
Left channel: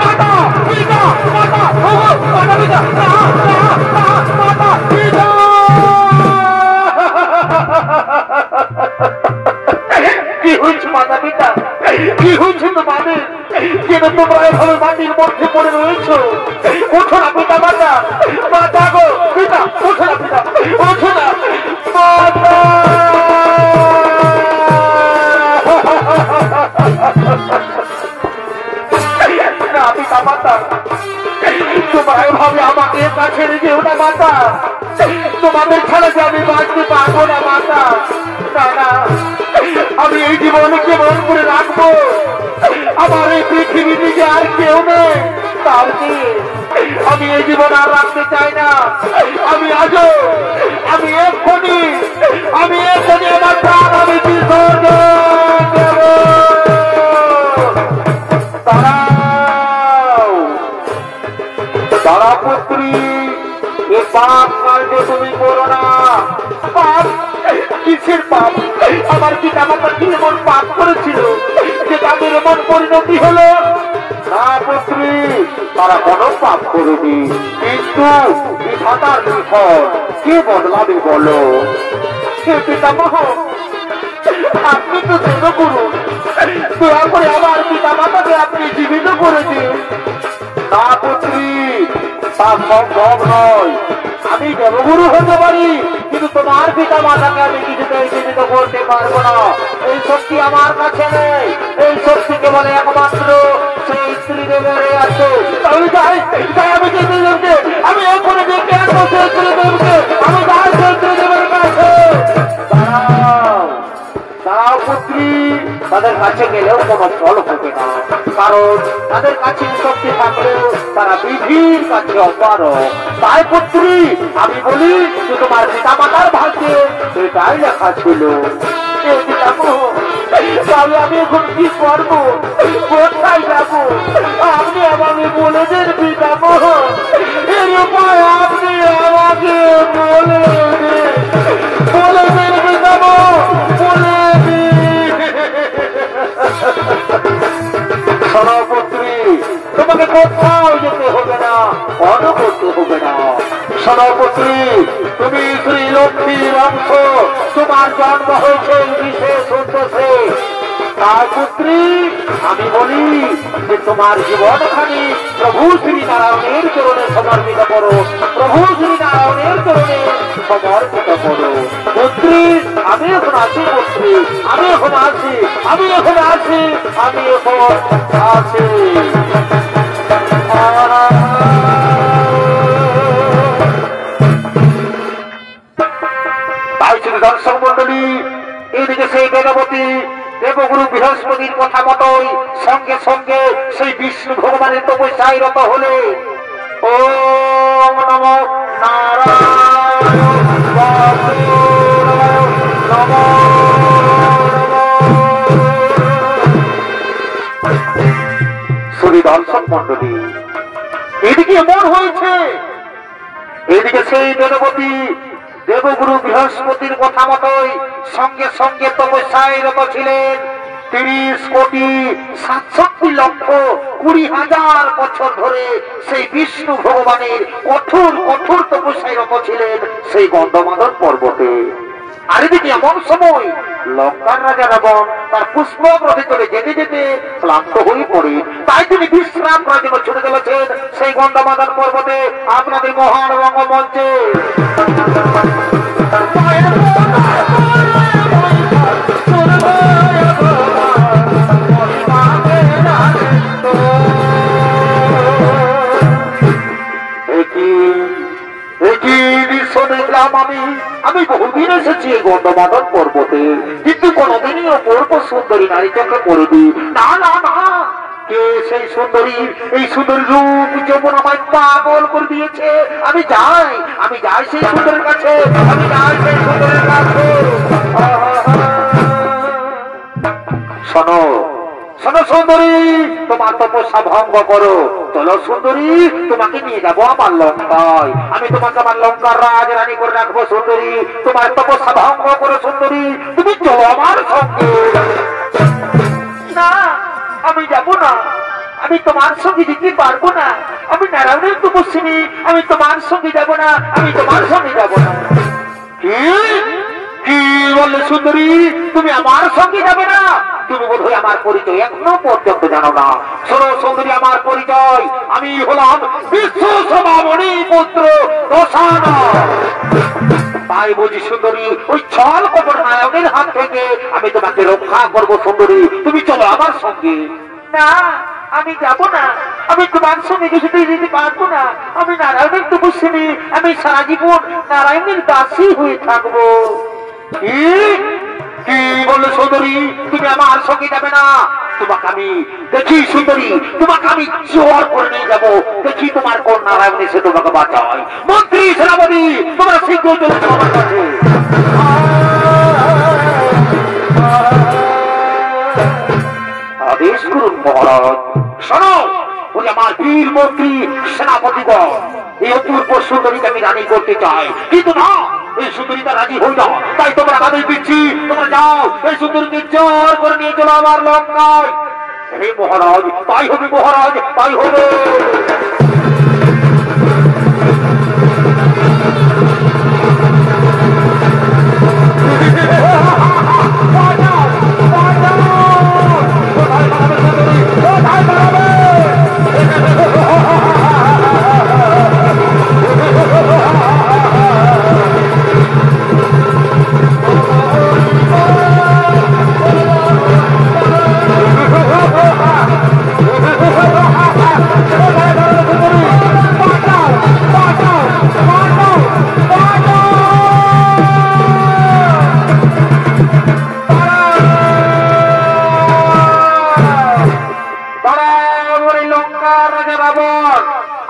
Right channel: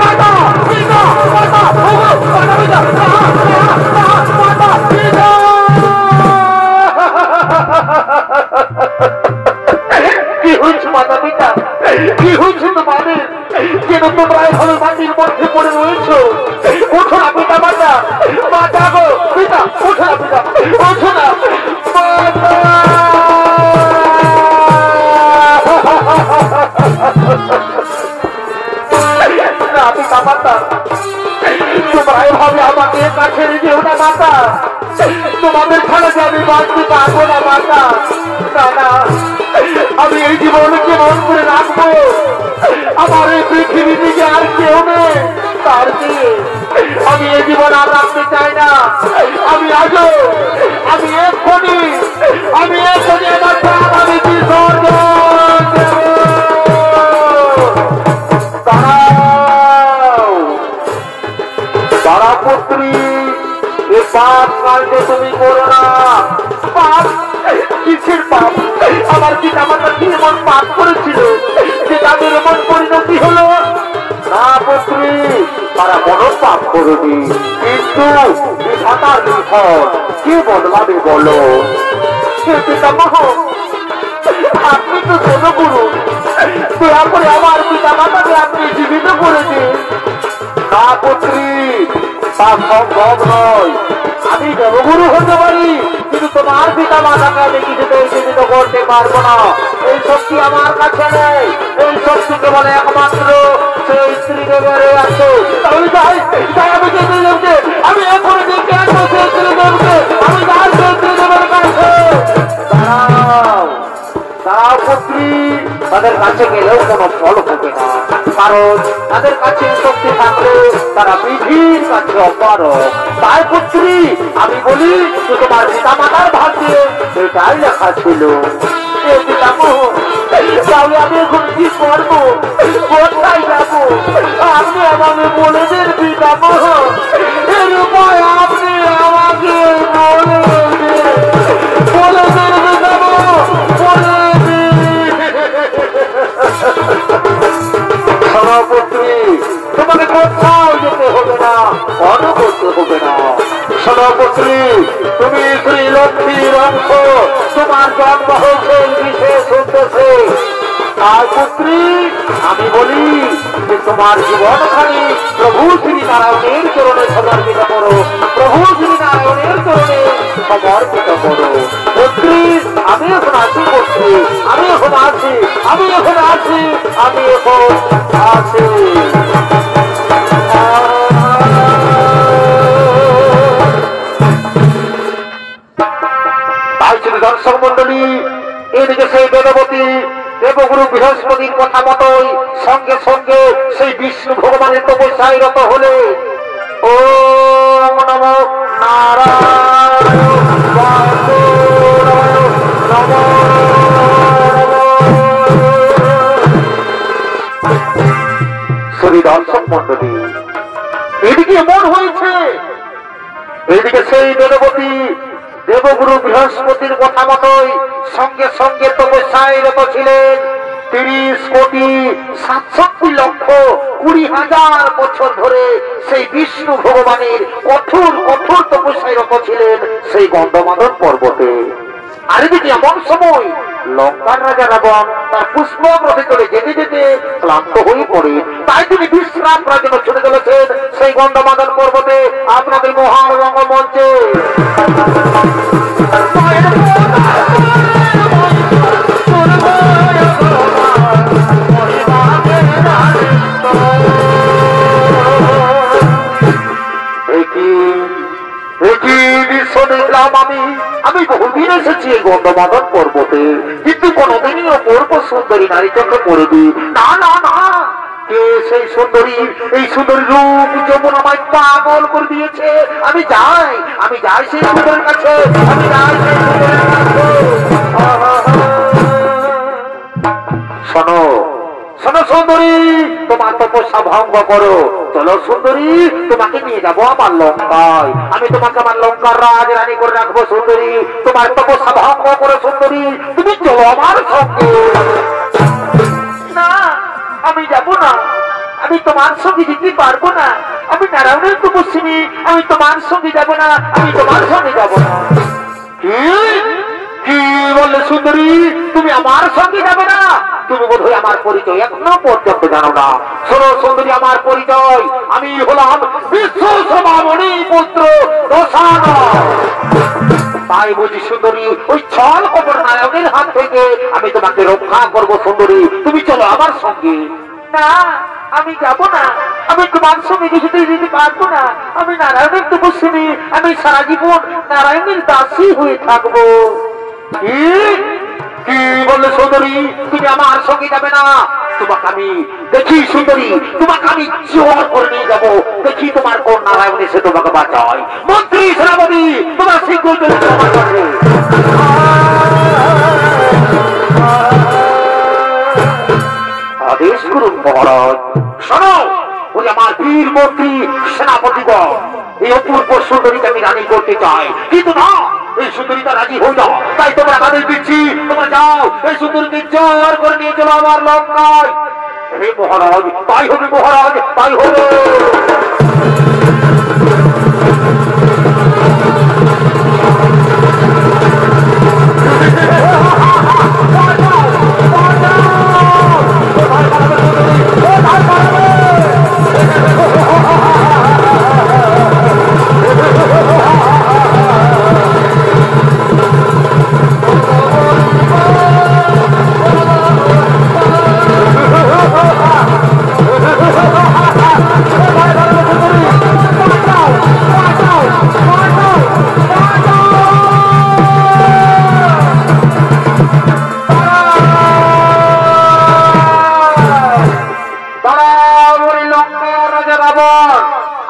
মাতা, পিতা, মাতা, মাতা, পিতা, মাতা, পিতা। কি হয়েছে মাতা পিতা? কি হয়েছে তোমাদের? কেন তোমরা এভাবে মাটির মধ্যে পড়ে রয়েছ? ওঠো না পিতা মাতা, মাতা গো পিতা, ওঠো না পিতা, ওঠো না মাতা। না পিতা মাতা, তোমরা এভাবে আমাকে কাছে যেও না মাতা। তোমাদের ছাড়া যে আমি বাঁচতে পারবো না মাতা। না না, আমি এই জীবনে কেমন করে রাখবো? আমার এই পৃথিবী থেকে আর কেউ নেই, তার দিয়ে আমি এই জীবন আর রাখতে চাই না। আমি আজও, আমি এক্ষুনি আমার প্রাণ আমি বিসর্জন দেব। তারা পুত্রী, এ পাপ কাণ্ডে তুমি করো না। পাপ? কিসের পাপ? আমার পিতা মাতা কি এমন পাপ করেছিল যে তাদের এমন পরিণতি হলো? না পুত্রী, তারা কোনো পাপ করেনি, কিন্তু বিধাতার নিধন কে বদলাবে বলো? হে পিতামহ, আপনি তো দেবগুরু, দয়া করে আমার পিতা মাতাকে আপনি জীবিত করে দিন। না পুত্রী, তা সম্ভব নয়। আমি দেবগুরু হতে পারি, কিন্তু তোমার পিতা মাতাকে আমি কিছুতেই জীবিত করতে পারবো না। এই শক্তি আমার কাছে নেই, এই শক্তি কেবল একমাত্র সেই স্ত্রীদেবের আছে। তাহলে যাই, আমি স্ত্রীদেবকে, আমি এখনো দেখে আসবো সেই স্ত্রীদেবকে, আমি যাই সেই স্ত্রীদেবের কাছে। দাঁড়াও দাঁড়াও পুত্রী, তাদের কাছে গেলেও কোনো ফল হবে না, কারণ তাদের কাছে শক্তি থাকলে তারা বিধির কাছে অপারগ। তাই পুত্রী, আমি বলি যে তোমার পিতা মাতার ভাগ্যে এটাই লেখা ছিল। দিয়ে দিলাম, তাহলে আমি এখন কি করবো, কোথায় যাবো? আপনি আমাকে বলে দেন পিতাম, এর উপায় আপনি আমাকে বলে দেন, বলে দেন পিতাম, বলে দিন। সভাপতি, তোমাকে কোথাও যেতে হবে না, অন্য করতে হবে না। সভাপতি, তুমি শ্রী লক্ষ্মীর অংশ, তোমার জন্ম হয়েছে বিশেষ উদ্দেশ্যে। তার পুত্রী, আমি বলি যে তোমার জীবনখানি প্রভু শ্রী নারায়ণের চরণে সমর্পিত করো, প্রভু শ্রী নারায়ণের চরণে সমর্পিত করো। পুত্রী, আমি এখন আছি, পুত্রী আমি এখন আছি, আমি এখন আছি, আমি এখন আছি। তাই শ্রী দর্শক মন্ডলী, এদিকে সেই বেদবতী দেবগুরু বৃহস্পতির কথা মতোই সঙ্গে সঙ্গে সেই বিষ্ণু ভগবানের তপস্যায় রত হলে ওম নমো নারায়ণ বাসুদেবায় নমো শ্রী দর্শক মন্ডলী, এদিকে এমন হয়েছে, এদিকে সেই বেদবতী দেবগুরু বৃহস্পতির কথা মতোই সঙ্গে সঙ্গে তপস্যায় রত ছিলেন 30,67,20,000 বছর ধরে সেই বিষ্ণু ভগবানের কঠোর কঠোর তপস্যায় রত ছিলেন সেই গন্ধমাদন পর্বতে। আর এদিকে এমন সময় লঙ্কার রাজা রাবণ তার পুষ্পরথে চলে যেতে যেতে ক্লান্ত হয়ে পড়ে, তাই তিনি বিশ্রাম করার জন্য ছুটে চলেছেন সেই গন্ধমাদন পর্বতে আপনাদের মহান রঙ্গমঞ্চে। আমি বহুদিন এসেছি এই গন্ধমাদন পর্বতে, কিন্তু কোনদিনই অপূর্ব সুন্দরী নারী চোখে পড়েনি। না না না, কে সেই সুন্দরী? এই সুন্দরী রূপ যৌবন আমায় পাগল করে দিয়েছে। আমি যাই সেই সুন্দরীর কাছে, আমি যাই সেই সুন্দরীর কাছে। শোনো শোনো সুন্দরী, তোমার তপস্যা ভঙ্গ করো। চলো সুন্দরী, তোমাকে নিয়ে যাবো আমার লঙ্কায়, আমি তোমাকে আমার লঙ্কার রাজরানী করে রাখবো। সুন্দরী, তোমার তপস্যা ভঙ্গ করো। সুন্দরী, তুমি চলো আমার সঙ্গে। না, আমি যাব না, আমি তোমার সঙ্গে যেতে পারবো না। আমি নারায়ণের তপস্বিনী, আমি তোমার সঙ্গে যাব না, আমি তোমার সঙ্গে যাব না। কি বললে সুন্দরী, তুমি আমার সঙ্গে যাবে না? তুমি বোধহয় আমার পরিচয় এখনো পর্যন্ত জানো না। শোনো সুন্দরী, আমার পরিচয়, আমি হলাম বিশ্ব সমামণি পুত্র রসায়ন। তাই বুঝি সুন্দরী, ওই ছল কপট নায়কের হাত থেকে আমি তোমাকে রক্ষা করবো। সুন্দরী, তুমি চলো আমার সঙ্গে। না, আমি যাব না, আমি তোমার সঙ্গে যেতে পারবো না। আমি নারায়ণের তপস্বিনী, আমি সারা জীবন নারায়ণের দাসী হয়ে থাকবো। কি বললে সুন্দরী, তুমি আমার সঙ্গে যাবে না? তোমাকে আমি দেখি সুন্দরী, তোমাকে আমি জোর করে নিয়ে যাবো। দেখি তোমার কোন নারায়ণ এসে তোমাকে বাঁচায়। মন্ত্রী সেনাপতি, তোমার শীঘ্র চলে আমার কাছে। আদেশ করুন মহারাজ। শোনো, ওই আমার বীর মন্ত্রী সেনাপতিগণ, এই অপূর্ব সুন্দরীকে আমি রানী করতে চাই, কিন্তু না, এই সুন্দরীটা রাজি হয়ে যাও। তাই তোমরা আদেশ দিচ্ছি, তোমরা যাও, এই সুন্দরীকে জোর করে নিয়ে চলো আমার লঙ্কায়। হে মহারাজ, তাই হবে মহারাজ, তাই হবে।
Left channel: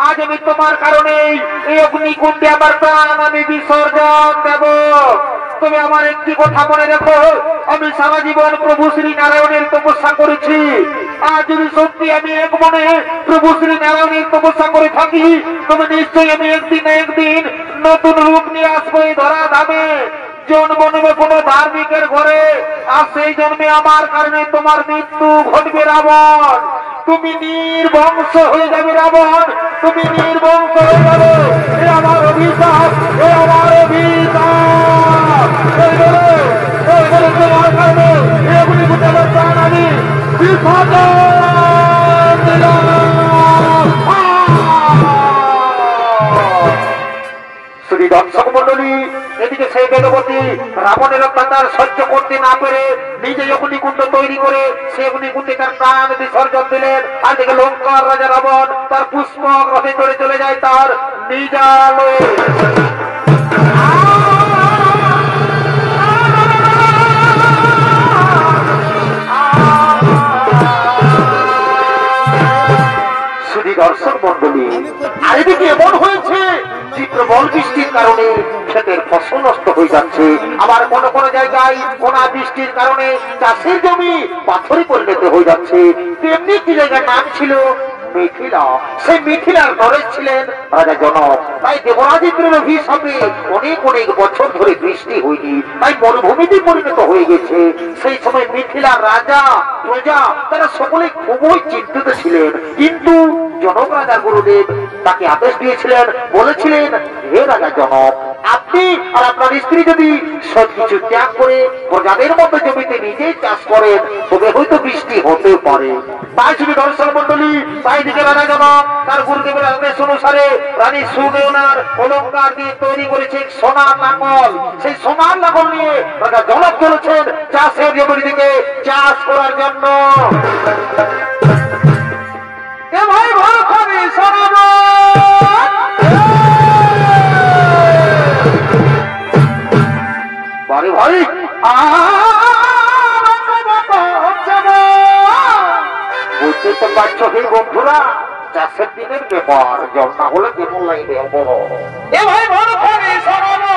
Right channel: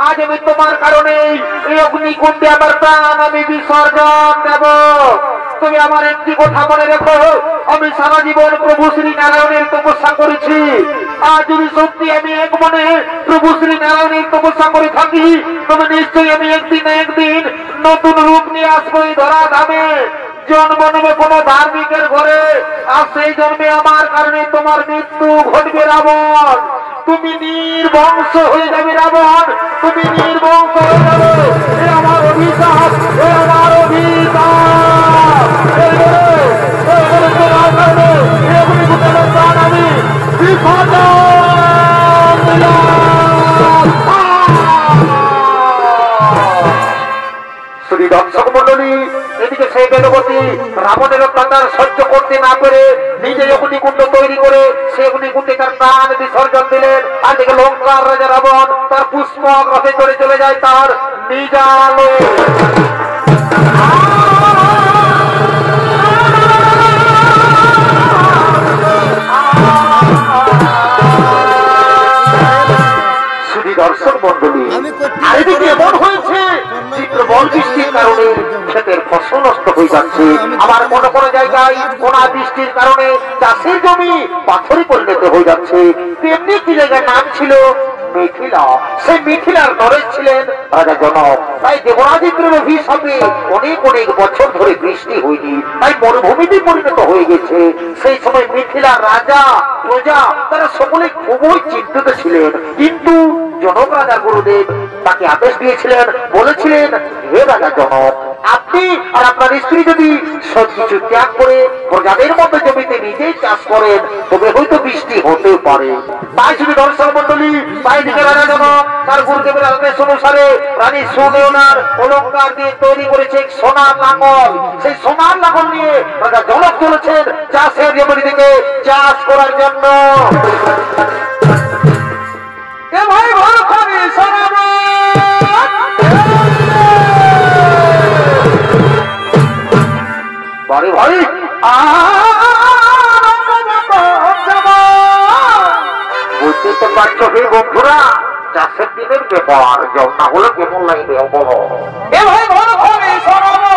আজ আমি তোমার কারণে এই অগ্নিকুণ্ডে আমার প্রাণ আমি বিসর্জন দেব। তবে আমার একটি কথা মনে রেখো, আমি সারা জীবন প্রভু শ্রী নারায়ণের তপস্যা করেছি। আর যদি সত্যি আমি এক মনে প্রভু শ্রী নারায়ণের তপস্যা করে থাকি, তবে নিশ্চয়ই আমি একদিন না একদিন নতুন রূপ নিয়ে আসবো এই ধরা ধামে। জন্ম নেবে কোনো ধার্মিকের ঘরে, আর সেই জন্মে আমার কারণে তোমার মৃত্যু ঘটবে রাবণ। তুমি নির্বংশ হয়ে যাবে রাবণ, তুমি নির্বংশ হয়ে যাবে। এ আমার অভিশাপ, এ আমার অভিশাপ। এবারে তোমার কারণে এগুলি ঘটে প্রাণ আমি বিসর্জন দিলাম। শ্রী দর্শক মন্ডলী, এদিকে সেই বেদবতী রাবণের অত্যাচার সহ্য করতে না পেরে নিজে অগ্নিকুণ্ড তৈরি করে সে অগ্নিকুণ্ডে তার প্রাণ বিসর্জন দিলেন। আর দিকে লঙ্কার রাজা রাবণ তার পুষ্পক রথে চড়ে চলে যায় তার নিজালয়ে। দর্শক মন্ডলী, আর এদিকে এমন হয়েছে যে প্রবল বৃষ্টির কারণে ক্ষেতের ফসল নষ্ট হয়ে যাচ্ছে। আবার কোন কোন জায়গায় কোনা বৃষ্টির কারণে চাষের জমি পাথরে পরিণত হয়ে যাচ্ছে। তেমনি একটি জায়গার নাম ছিল মিথিলা। সেই মিথিলার নরেশ ছিলেন রাজা জনক। তাই দেবরাজেন্দ্রের অভিশাপে অনেক অনেক বছর ধরে বৃষ্টি হয়নি, তাই মরুভূমিতে পরিণত হয়ে গেছে। সেই সময় মিথিলার রাজা প্রজা তারা সকলে খুবই চিন্তিত ছিলেন। কিন্তু জনক রাজা গুরুদেব তাকে আদেশ দিয়েছিলেন, বলেছিলেন, হে রাজা জনক, আপনি আর আপনার স্ত্রী যদি সবকিছু ত্যাগ করে প্রজাদের মধ্যে জমিতে নিজেই চাষ করেন, তবে হয়তো বৃষ্টি হতে পারে। তাই শুধু দর্শক মন্ডলী, তাই দিকে রাজা জনক তার গুরুদেবের আদেশ অনুসারে রানী সুনয়নার অলঙ্কার দিয়ে তৈরি করেছে সোনার লাঙ্গল। সেই সোনার লাঙ্গল নিয়ে রাজা জনক চলেছেন চাষের জমির দিকে চাষ করার জন্য। ভাই ভালো খাবি শোনাবো বাড়ি ভাই, বুঝতে তো পারছো হে বন্ধুরা, চাষের দিনের ব্যাপার, জল না হলে কেমন লাগবে বলো। এ ভাই ভালো খাবি শোনাবো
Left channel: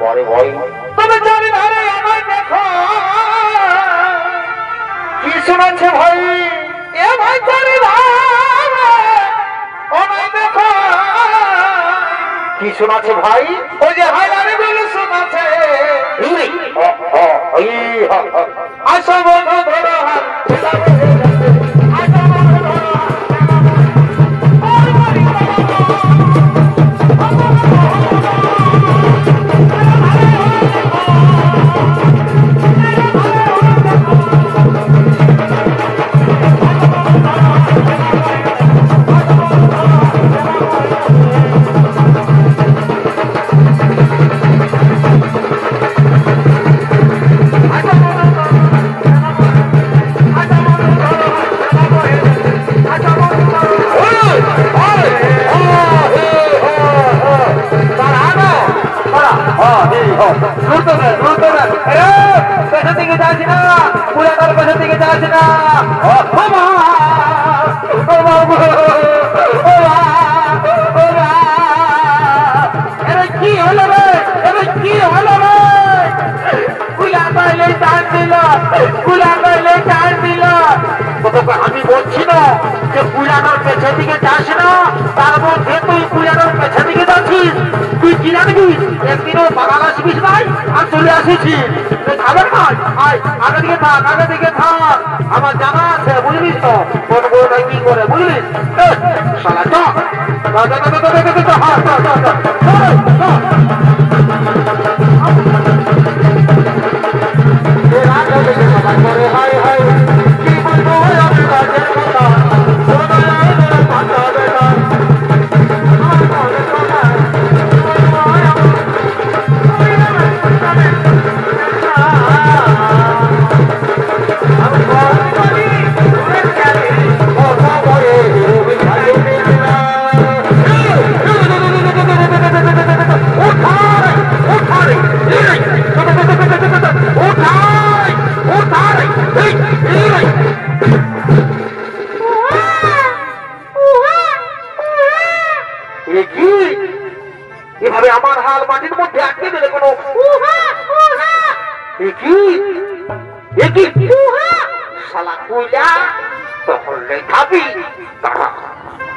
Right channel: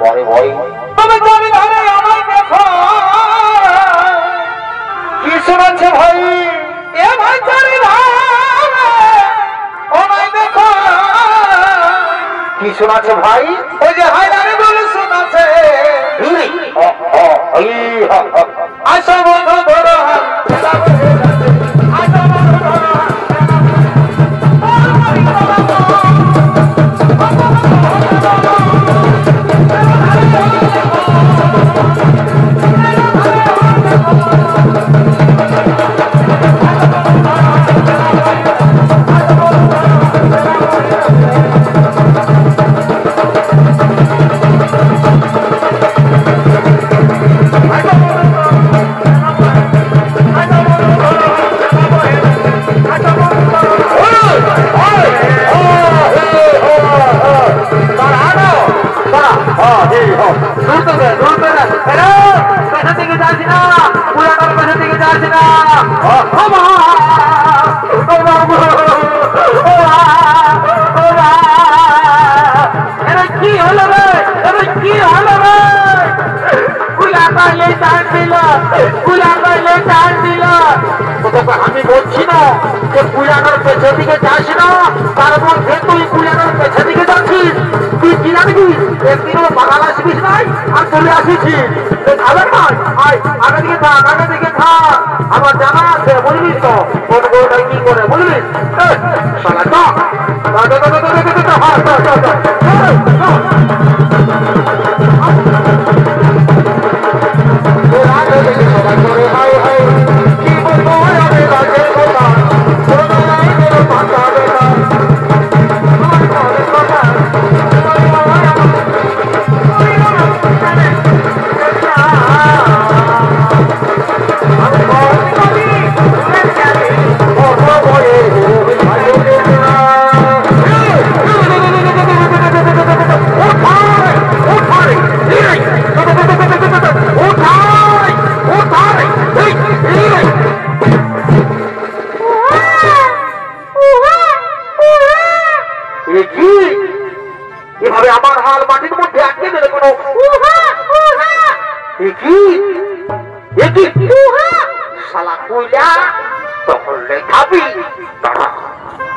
বাড়ি ভাই, তুমি জানি ভাই আমার দেখো কি শোনাচ্ছে ভাই। এ ভাই জানি ভাই দেখো কি শোনাচ্ছে ভাই। ওই যে হাজারে বলে শোনাচ্ছে, আসো বন্ধু ধরো আমি বলছি না যে কুলানোর পেছন দিকে যাস না, তার মধ্যে তুই কুলানোর পেছন দিকে যাচ্ছিস। তুই কি জানবি একদিনও বাগান আসবিস নাই আর চলে আসিছিস খাবার নয়। আয় আগে দিকে থাক, আগে দিকে থাক, আমার জানা আছে বুঝলিস তো কোন বউটাই কি করে বুঝলিস। শালা তো সবাই করে হাই হাই কি বলবো আমি রাজের কথা ওঠা হলে খাবি। দাঁড়া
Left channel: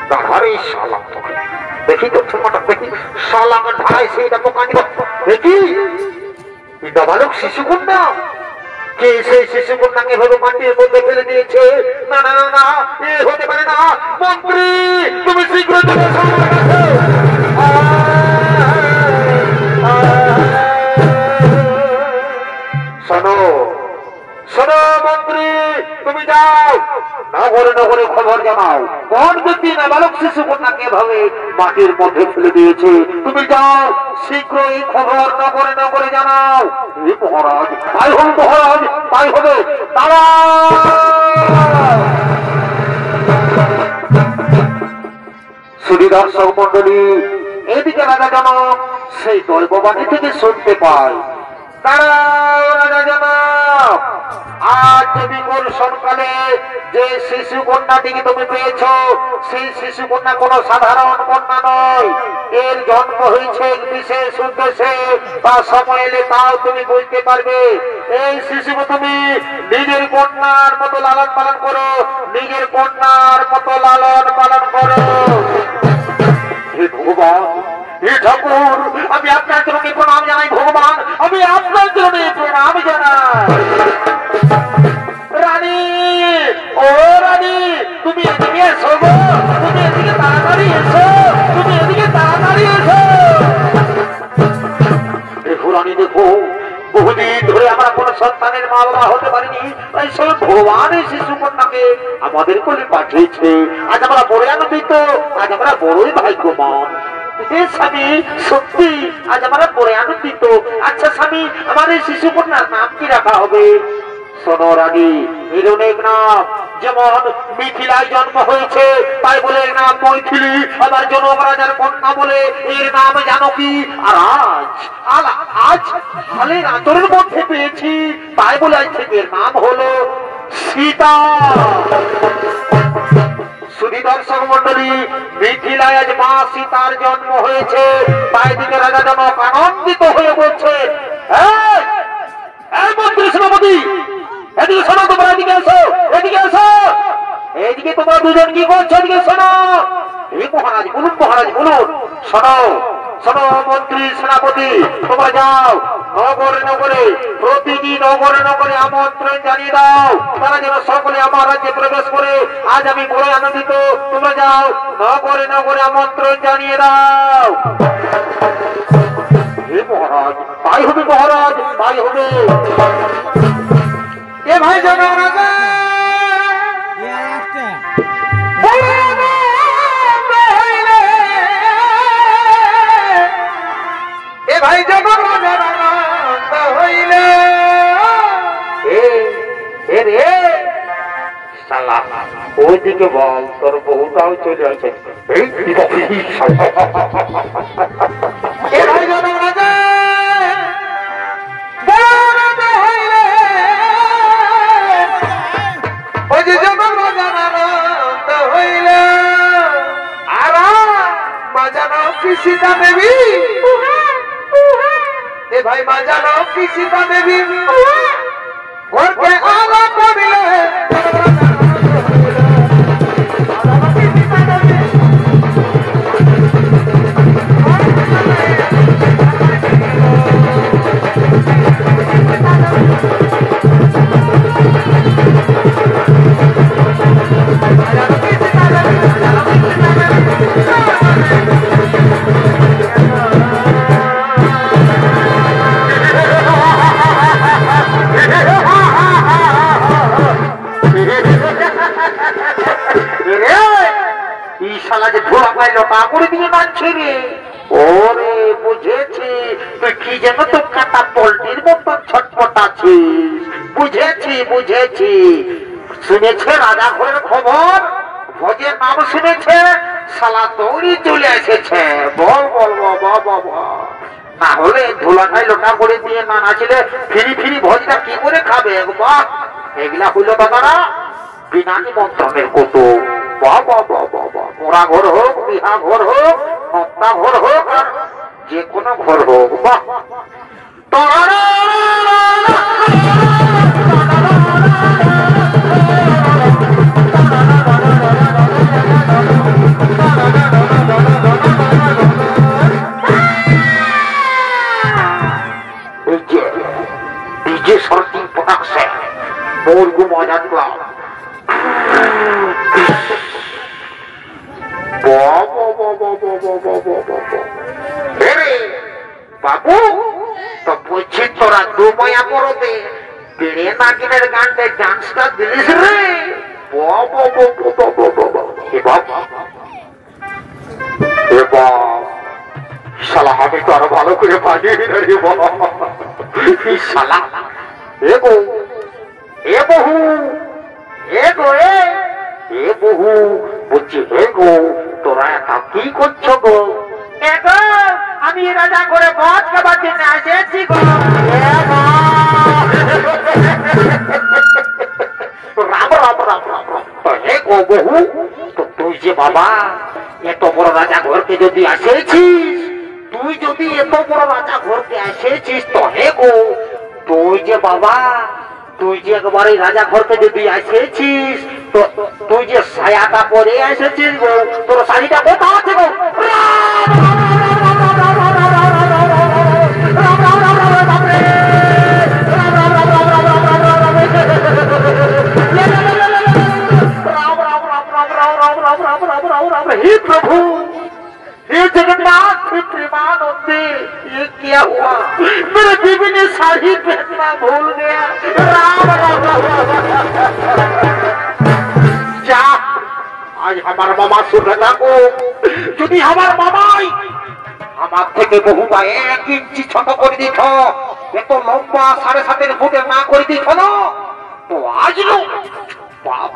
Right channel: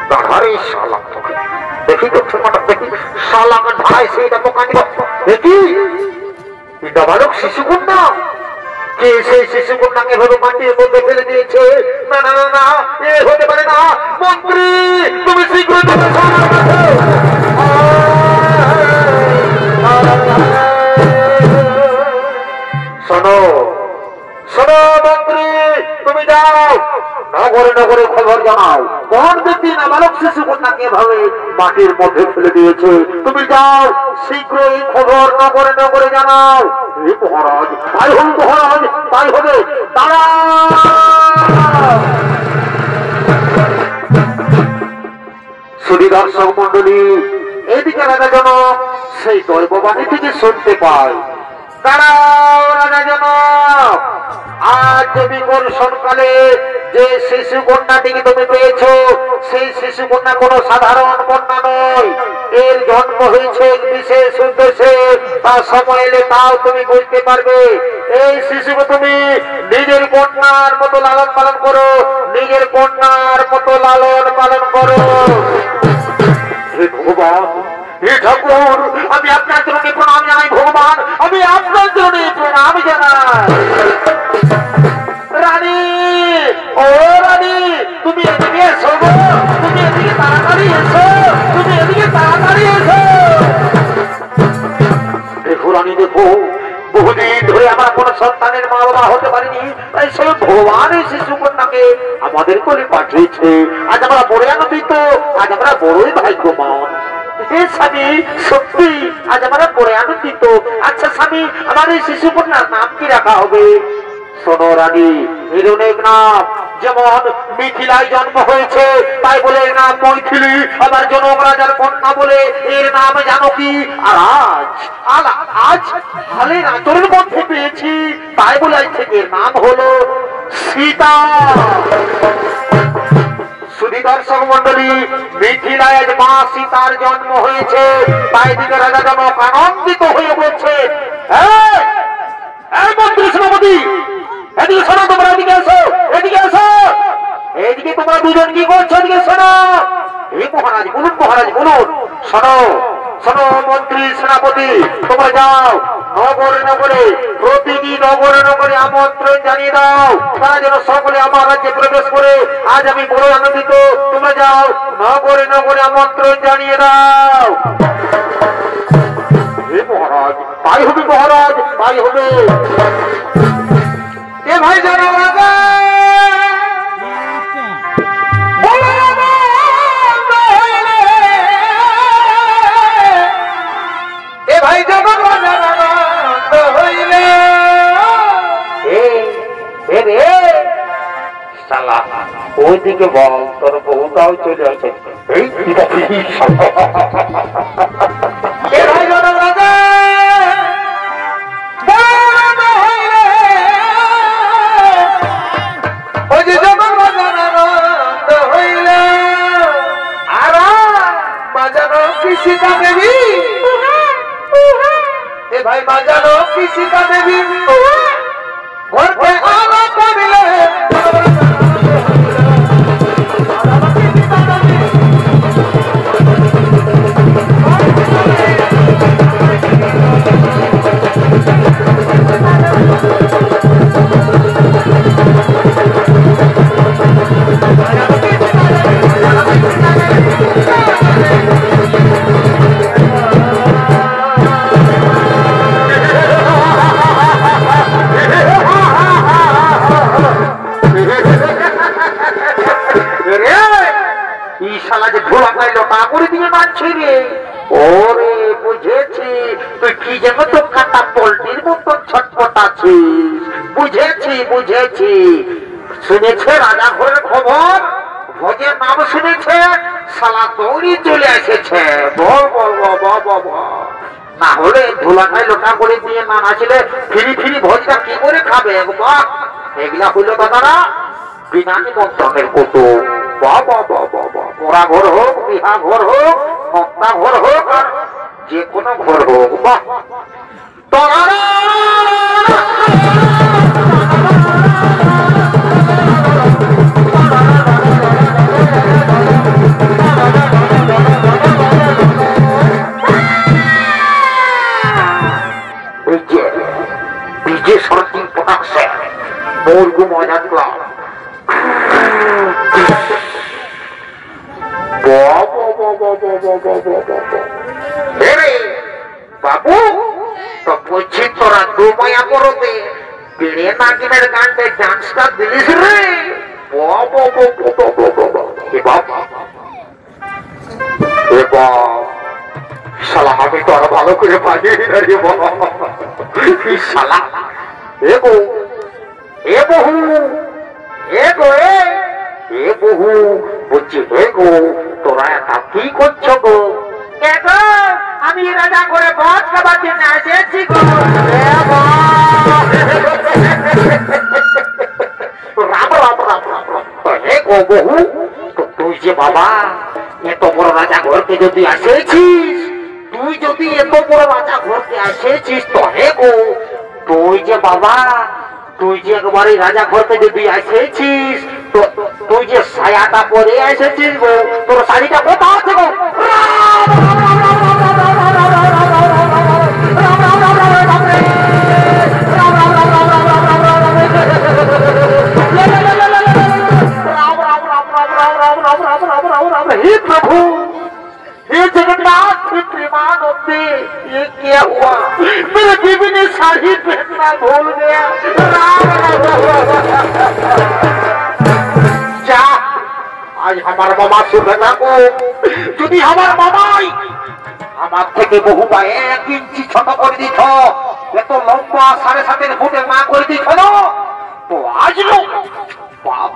দাঁড়ারে শালা, দেখি তো ঠিকমতো দেখি শালাকে ধারায় সেইটা দোকান দেখি বালক শিশুকন্যা। কে সেই শিশুকন্যাকে ভেবে মাটির মধ্যে ফেলে দিয়েছে? না না না না, এ হতে পারে না। মন্ত্রী তুমি শীঘ্র চলে এসো আমার কাছে। শোনো শোনো মন্ত্রী, তুমি যাও নগরে নগরে খবর জানাও কোন ব্যক্তি নাবালক শিশু কন্যাকে ভাবে মাটির মধ্যে ফেলে দিয়েছে। তুমি যাও শীঘ্রই খবর নগরে নগরে জানাও। মহারাজ তাই হবে, মহারাজ তাই হবে। দাঁড়া শুধু দর্শক মন্ডলী, এদিকে রাজা জনক সেই দৈববাণী থেকে শুনতে পায়। দাঁড়াও রাজা জনক, আজ যদি কোন সকালে যে শিশু কন্যাটিকে তুমি পেয়েছো, সেই শিশু কন্যা কোন সাধারণ কন্যা নয়। এর জন্ম হয়েছে বিশেষ উদ্দেশ্যে, তা সময় এলে তাও তুমি বুঝতে পারবে। এই শিশুকে তুমি নিজের কন্যার মতো লালন পালন করো, নিজের কন্যার মতো লালন পালন করো। হে ভগবান, হে ঠাকুর, আমি আপনার চরণে প্রণাম জানাই। ভগবান, আমি আপনার চরণে প্রণাম জানাই। রানী, ও রানী, তুমি এদিকে এসো গো, তুমি এদিকে তাড়াতাড়ি এসো, তুমি এদিকে তাড়াতাড়ি এসো। দেখো রানী, দেখো বহুদিন ধরে আমরা কোন সন্তানের মা বাবা হতে পারিনি, তাই সে ভগবান এই শিশু কন্যাকে আমাদের কোলে পাঠিয়েছে। আজ আমরা বড় আনন্দিত, আজ আমরা বড়ই ভাগ্যবান। স্বামী, সত্যি আজ আমরা বড় আনন্দিত। আচ্ছা স্বামী, আমার এই শিশু কন্যার নাম কি রাখা হবে? শোনো রানী, এর অনেক নাম, যেমন মিথিলায় জন্ম হয়েছে তাই বলে এর নাম মৈথিলী, আবার জনক রাজার কন্যা বলে এর নাম জানকী। আর আজ হালের আচরের মধ্যে পেয়েছি তাই বলে আজ থেকে এর নাম হলো সীতা। শুধু দর্শক মন্ডলী, মিথিলায় আজ মা সীতার জন্ম হয়েছে, তাই দিকে রাজা জনক আনন্দিত হয়ে বলছে, এই মন্ত্রী সেনাপতি, এদিকে শোনো, তোমরা এদিকে এসো, এদিকে এসো, এদিকে তোমরা দুজন কি করছো? এদিকে শোনো। এই মহারাজ বলুন, মহারাজ বলুন। শোনো শোনো মন্ত্রী সেনাপতি, তোমরা যাও নগরে নগরে, প্রতিটি নগরে নগরে আমন্ত্রণ জানিয়ে দাও, তারা যেন সকলে আমার রাজ্যে প্রবেশ করে। আজ আমি বড় আনন্দিত। তোমরা যাও নগরে নগরে আমন্ত্রণ জানিয়ে দাও। হে মহারাজ, তাই হবে মহারাজ, তাই হবে। এ ভাই জানা রাজা, এ ভাই জানা রাজা হইলে রে শালা, ওইদিকে বল তোর বউটাও চলে আসে। এ ভাই জানা রাজা সীতা দেবী, এ ভাই বাজানো কি সীতা দেবী ঘরতে আলো করলে করে দিয়ে মানছে রে। ওরে বুঝেছি, তুই কি যেন তো কাটা পোল্ট্রির মতন ছটপট আছিস। বুঝেছি বুঝেছি, শুনেছে রাজা ঘরের খবর, ভোজের নাম শুনেছে, শালা দৌড়ি চলে এসেছে। বল বল বল, না হলে ধুলাটাই লোটা করে দিয়ে না নাচলে ফিরি ফিরি ভোজটা কি করে খাবে? বাহ, এগুলা হইল দাদারা বিনা নিমন্ত্রণের কত। পোড়া ঘর হোক, বিহা ঘর হোক, মক্তা ঘর হোক, আর যে কোনো ঘর হোক, বাহ। বাজাতলাম। বাবু তো বলছি তোরা দু মায়া পরবে বেড়ে নাগিনের গানটা ডান্সটা দিলিস রে। শালা আমি তো আরো ভালো করে পারি শালা। এ বউ এ বহু এ গো এ বহু বলছি হে গো তোরা এটা কি করছো গো? আমি রাজা করে বস খাবার জন্য এসেছি গো। রাম রাম রাম রাম রাম। হে গো বহু তুই যে বাবা এত বড় রাজা ঘরকে যদি আসেছিস, তুই যদি এত বড় রাজা ঘরকে আসেছিস তো হে গো তুই যে বাবা তুই যে একবারে রাজা ঘরকে যদি আসেছিস তো তুই যে সায়াটা পরে এসেছিস গো, তোর শাড়িটা কোথা আছে গো? हे प्रभु हे जगन्नाथ प्रेमानंदे ये क्या हुआ? मेरे बीवी ने साड़ी पहनना भूल गया। राम जा आज हमार मामा सुगना को যদি আমার মামাই আমার থেকে বহুটা 1 ইঞ্চি ছোট করে দিত, এত লম্বা 7.5 ফুটের না করে দিত না তো আজ লোক বাপ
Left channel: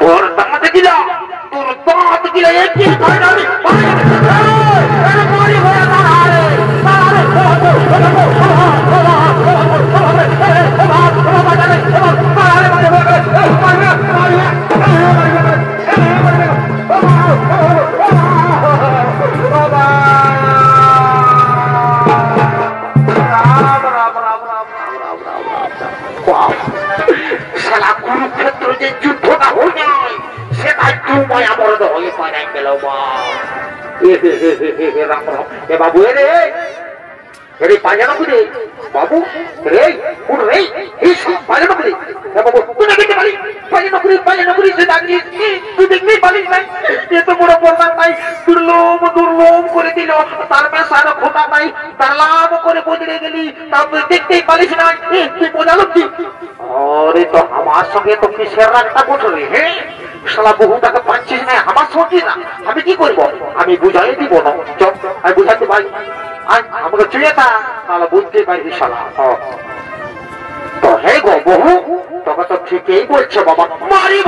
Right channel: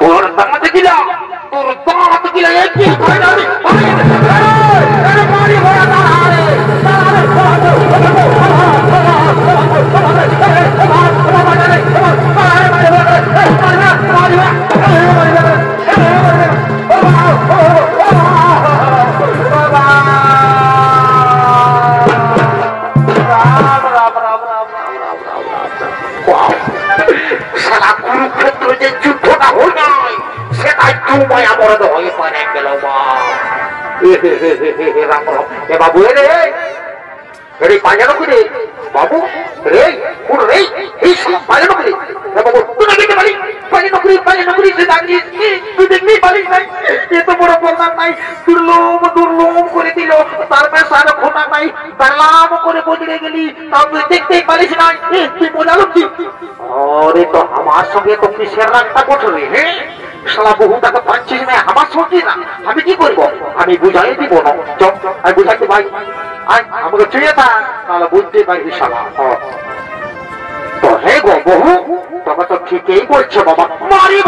তোর দাঁত গিলা তোর দাঁত গিলা একই ফাইনালি মারি হয়ে সারা কুরুক্ষেত্র যে যুদ্ধটা হয়ে যায় সেটাই তুই আমরদ হয়ে পায় গেল। রাম রাম। এ বাবু রে রে পাজানো করে বাবু রে কোন রে এই পাজানো করে বাবু তুই দেখতে পারি পাজানো করে সে দাঁড়িয়ে তুই দেখতেই পারিস নাই এত বড় প্রধান নাই দুর্লভ করে দিল তার মেশার ফোটা নাই দাঁড়াম করে বদলে গেলি তাও তুই দেখতেই পারিস নাই তুই বোঝালো কি? আরে তো আমার সঙ্গে তো কিসের রাগটা করলি? হ্যাঁ শালা বহুটাকে পাচ্ছিস না আমার সত্যি না আমি কি করবো? আমি বুঝাই দিব না আমি বুঝাতে পারি আমাকে চুয়ে তা তাহলে বুঝতে পারবি শালা। তো হে গো বহু তোকে তো ঠিকই বলছো বাবা। মারি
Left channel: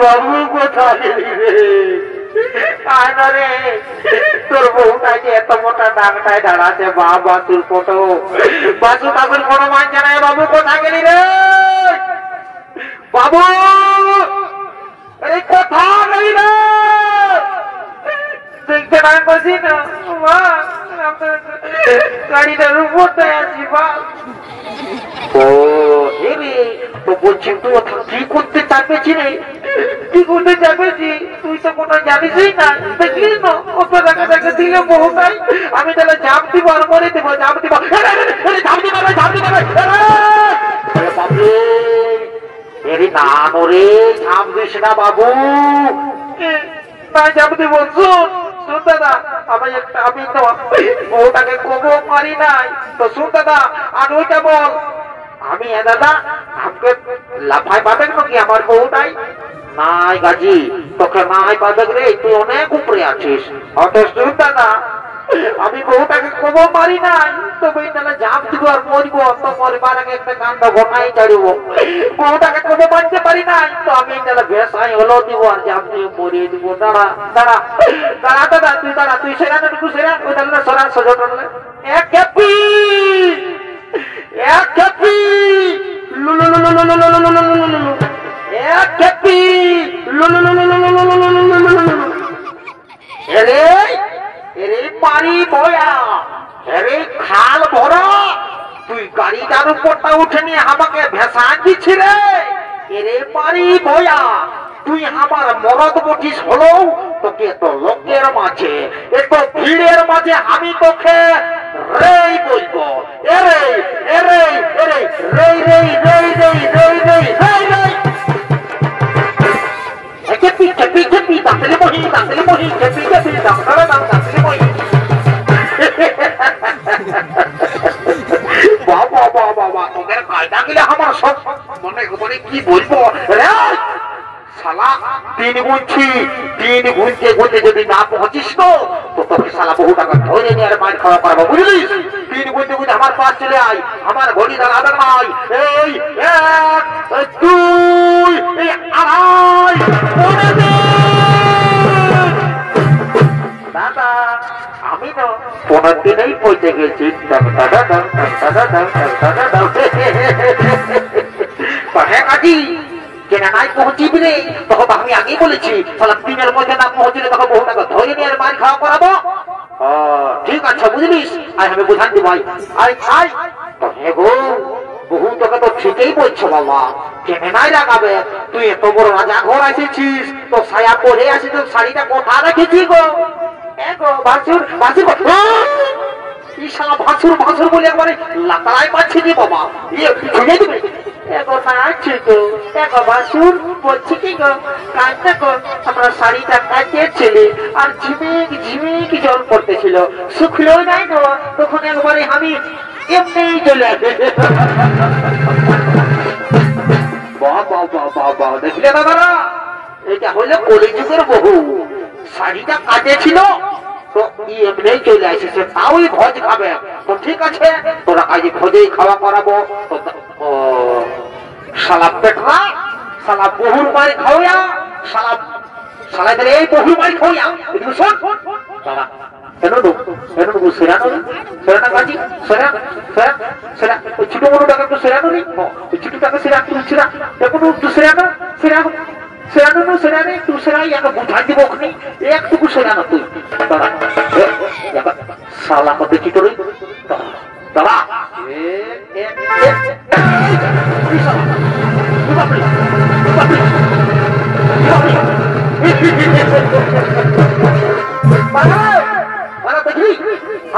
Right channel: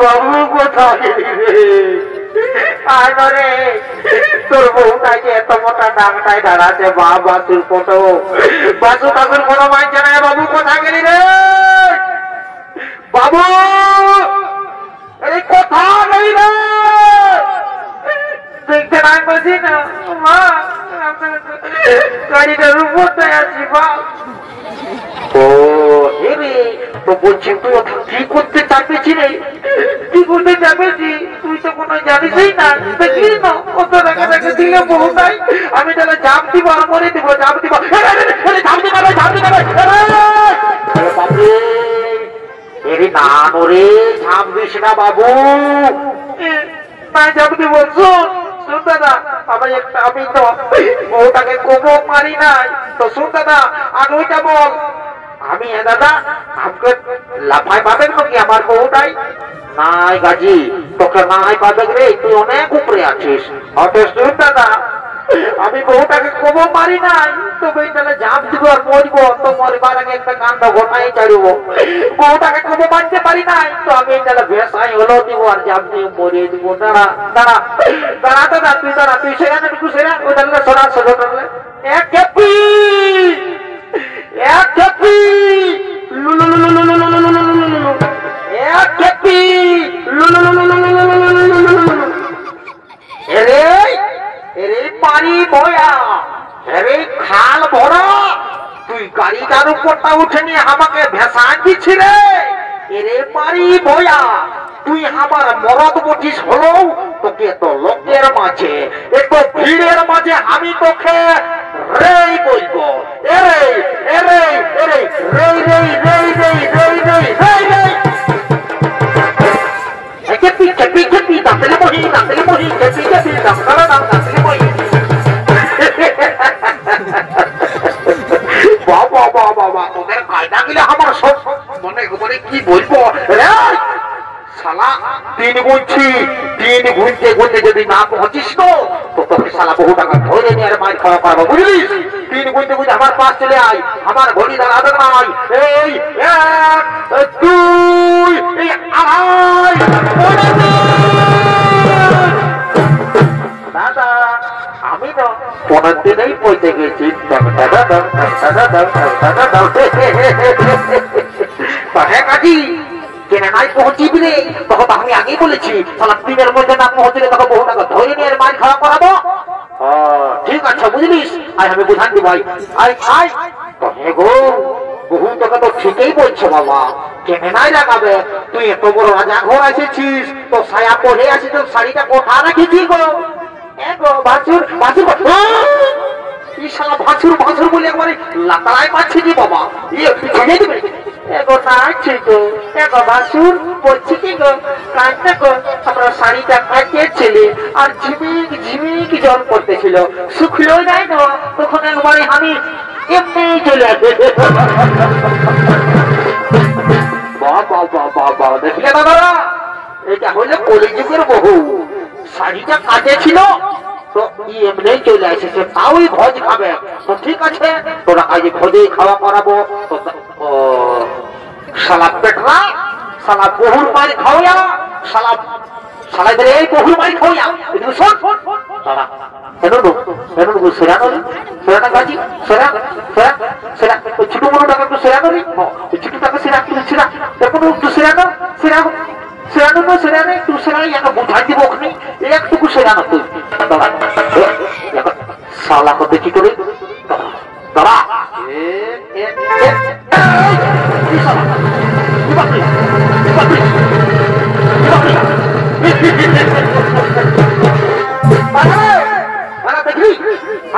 বাবু কোথায় রে তোর বউটা যে এত মোটা ডাকটায় দাঁড়াতে বা বাসুর কত বাসু কাকুর কোনো মানছে না। বাবু কোথায় গেলি রে বাবু? কোথায় গেলি রে? দেখতে না বলছি না মা গাড়িটার উপরটায় আছি বা। ও হেরে তো বলছি তুই কি করতে চাপেছি রে? কি করতে চাপেছি তুই তো কোনো জানিসই না দেখি না কত টাকা টাকা দিলে বহু নাই আমি তাহলে ঝাঁপ দিব আর মরে দিব ঝাঁপ দিব বাবু এরি না রে ঝাঁপ দিস না বাবু না ঝাঁপ দিব। শুন দাদা আমি তো বউটাকে কোবো মারি নাই তো শুন দাদা আর ওইটা বল আমি দাদা আমাকে লাফাই পাবেন নাকি আমার বউটাই? নাই গাজি তোকে নাই পাবে রে তুই অনেক উপরে আছিস। অত শুন দাদা আমি বউটাকে কোবো মারি নাই তো বইটালে ঝাঁপ দিব আর মরব তো মরবার আগে একটা কাণ্ড ঘটাই ছাড়ব। বউটাকে কোবো মারতে পারি নাই তো আমি তাহলে ভেসাই হলো দিব আর ঝাঁপ দিয়ে মরিয়ে দিব। দাঁড়া দাঁড়া দাঁড়া দাদা দাঁড়া তুই সেখানে একটু সেরা ওই তাহলে সরা সোজা টানলে এক খেপি এক খেপি এক খেপি এরে এরে পারি বয়া, এরে খাল ভরা, তুই গাড়িটার উপরটা উঠে নিয়ে আমাকে ভেসান দিছিলে। এরে পারি বয়া, তুই আমার মরদ বটিস হলো, তোকে তো লোকের মাঝে একটু ভিড়ের মাঝে আমি তোকে রেই বলবো। এরে এরে এরে রেই রেই রেই রেই রেই রেই রেই রেই চেপি চেপি চেপি দাঁতলে বহি দাঁতলে বহি চেপি চেপি দাঁতলে দাম দাঁতলে বহি। বাবা বাবা বাবা, তোদের কায়দা গেলে আমার সব মনে মানে কি বলবো রে শালা। তিন গুনছি, তিন গুনতে গুনতে যদি না পৌঁছিস তো তোকে শালা বহু টাকা ধরে নিয়ে আর মার খাওয়া করাবো, বুঝলিস? তিন গুনতে গুনতে আমার পাশ চলে আয়, আমার ঘড়ি দাঁড়াবে নাই। এই এক, দুই, আড়াই, দাদা আমি তো 15 দিনেই পৌঁছে গেছি। হ্যাঁ কাজী কেন নাই পৌঁছিবি রে, তখন আমি আগেই বলেছি তাহলে দিনের মধ্যে না পৌঁছলে তখন বহু টাকা ধরে নিয়ে মার খাওয়া করাবো। ঠিক আছে বুঝলিস, আয় আমি বুঝান দি ভাই। আয় আয় হ্যাঁ গো, বহু তোকে তো ঠিকই বলছো বাবা, কেন নাই লাগাবে? তুই এত বড় রাজা ঘর এসেছিস, তো ছায়া পরে আসিস, তো শাড়িটা কোথা রেখেছি গো? ভাসুর ভাসুর ভাসুর ভাসুর বলে একবারে লাতাই পাচ্ছি নি বাবা, ইয়ে ছুঁয়ে দিবে। এগো নাচছি গো, এগো ভাসুর বলছি কি গো, কাঁদতে গো আমরা শাড়িটা কাটিয়েছিলে আর ঝিমিক ঝিমিক জল পড়তেছিল, শুকলো নাই গো, তখন একবারে আমি এমনি চলে আসে। বাবা দেখলে দাদারা, এটা হইলে কলিযুগের বহু। শাড়িটা কাটেছিল তো এমনি চলে আসেছে, তাওই ভোজ খাবে। তো ঠিক আছে, তোরা আজ ভোজে খাওয়া করাবো। শালা পেটরা, শালা বহুর মারি খাওয়া, শালা শালা ধরে এই বহুর মারি খাওয়া। একটু শোন দাদা, ছোট বড় টাকা একটু সেরা করি, ছোট টাকা সেরা সেরা এখন একটু সেরা সেরা সেরানো না সেরানে তুই সেরাই একটা বুঝাই দিব, ওখানে একটুকু সেরানো তুই দাদা। শালা করতে কি করে দাদা? দেখলি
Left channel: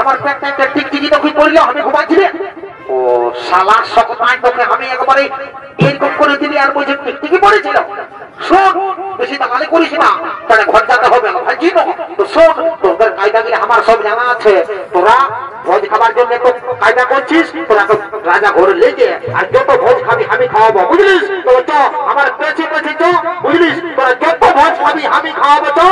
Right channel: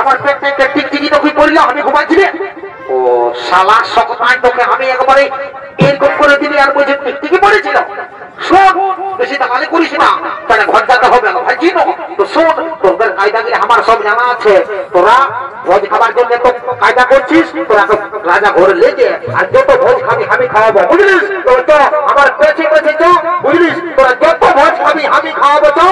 আমার পেটটা টিকটিকি তখন করলো, আমি ঘুমাচ্ছিলে। ও শালা সকাল তোকে আমি একবারে এরকম করে দিবি আর বলছি টিকটিকি পড়েছিল। শোন, বেশি দামালি করিস না, তাহলে ঘর যেতে হবে না ভাই। চিনো তো, শোন তোদের কায়দা গিয়ে আমার সব জানা আছে। তোরা ভোজ খাবার জন্য তো কায়দা করছিস, তোরা তো রাজা ঘরে লেগে আর যত ভোজ খাবি আমি খাওয়াবো, বুঝলিস? তো তো আমার পেছে পেছে তো, বুঝলিস? তোরা যত ভোজ খাবি আমি খাওয়াবো তো।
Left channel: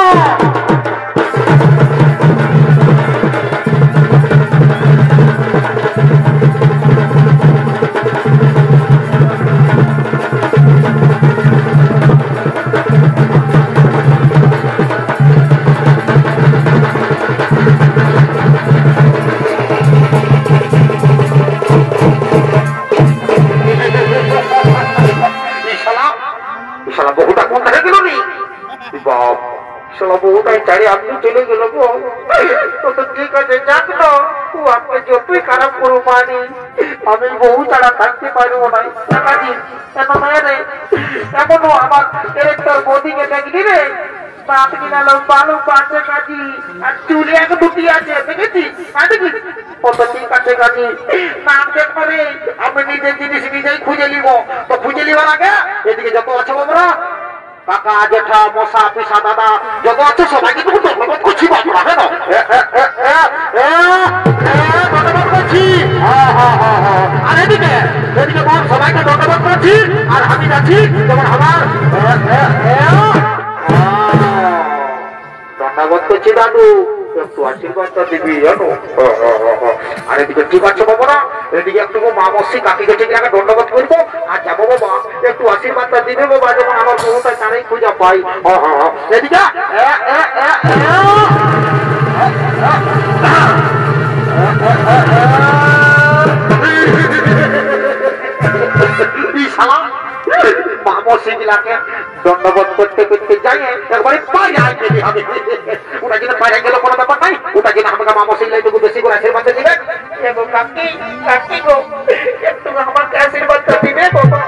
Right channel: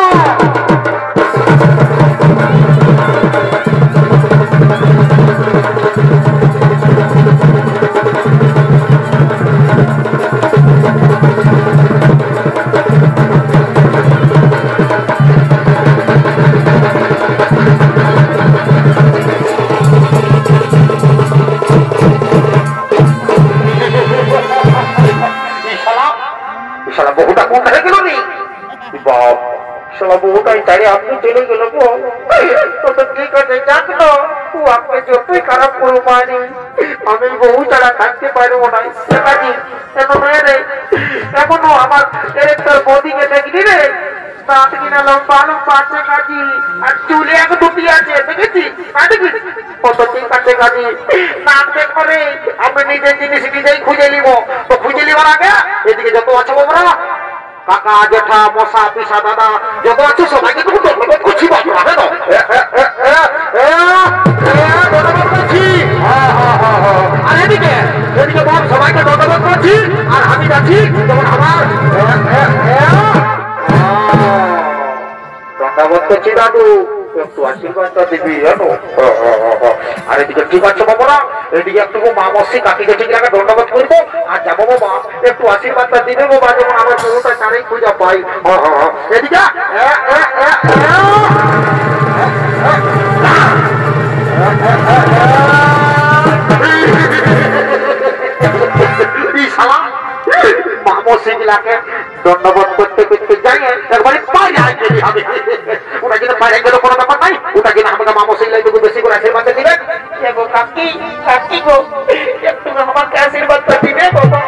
বহুটা কোন হয়ে গেল নি বাপ, শালা বহুটাই চারি আপনি চলে গেল গো। তো ঠিক আছে, যাক না, আপনি যতই খারাপ করো মানি আমি বহু ছাড়া থাকতে পারবো না। এখনো আমার একটা বদিকে দেখলি রে, দাঁত কিনা লম্বালো পাচ্ছে কাজী, আর চুলে এক দুটি আছে দেখেছি। কত ঠিক আছে কাজী, নাম চেক করে আমি নিজের জিনিস নিজেই খুঁজে নিব। তো খুঁজে নিবার আগে এদিকে যত আছে বাবরা, কাকা জেঠা মশা পিসা দাদা যত আছে সবাইকে তুমি ধন্যবাদ করছি। ধন্যবাদ করছি। আর এদিকে এদিকে বল সবাইকে ধন্যবাদ করছি। আর আমি যাচ্ছি যেমন আমার ধন্যবাদ করছি দাদু, একটু আশীর্বাদটা দিবি জানো। আর এদিকে ঠিক আছে বাবুরা, এদিকে একটু মা মসি কাকি জেঠি আগে ধন্যবাদ করবো আর যাবো বাবা, একটু আশীর্বাদটা দিবে বাবা, যেমন আমার বহুটা তারাই খুঁজে পাই। এদিকে মা মসি গুলাকে ধন্যবাদ করতে করতে ওটা যেন বাইরে গেলে কোনো ব্যাপার নাই, ওটা যেন আমাকে মামা সেই লাইটুকু বেশি করে আশীর্বাদ দিবেন। কাকি কাকি গো, একটু আমাকে আশীর্বাদ দিবে বাবা,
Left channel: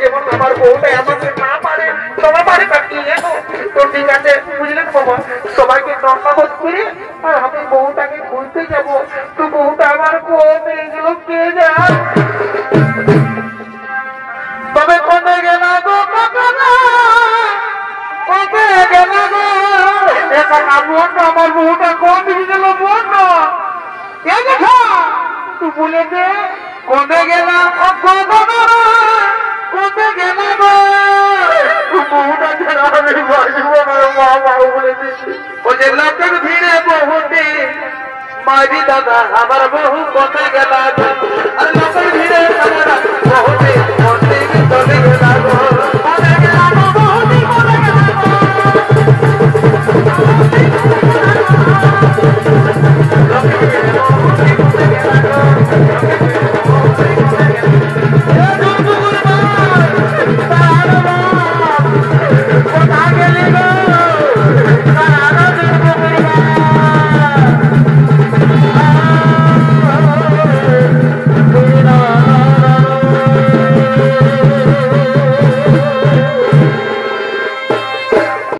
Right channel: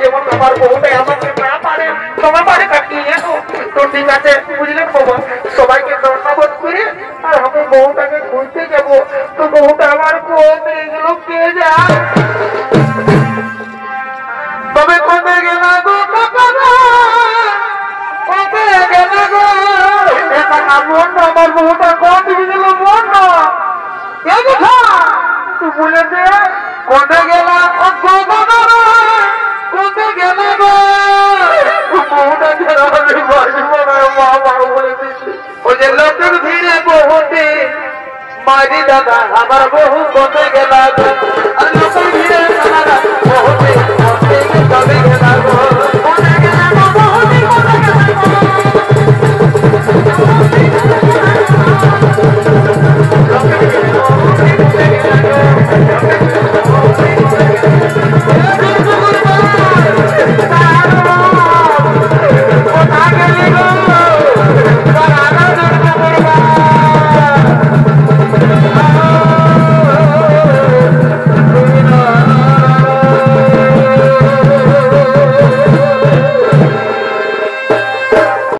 যেমন আমার বউটা আমাকে না পারে তোমার পারে কাকি। তো ঠিক আছে বুঝলেন বাবা, সবাইকে ধন্যবাদ করে আর আমি বউটাকে খুঁজতে যাবো। তো বউটা আমার বউ এগুলো পেয়ে যায়। তবে কোথায় গেল গো কোথায় গেল গো, বোন না আমার বউটা কোন দিকে গেল বোন না তুই বলে দে কোথায় গেল কোথায় গেল গো বউটা ছেড়ে আমি বাঁচবো না বাবা বলে দিচ্ছি। ওই যে লোকের ভিড়ে বহুতে মারি দাদা আমার বহু কোথায় গেল আর লোকের ভিড়ে আমার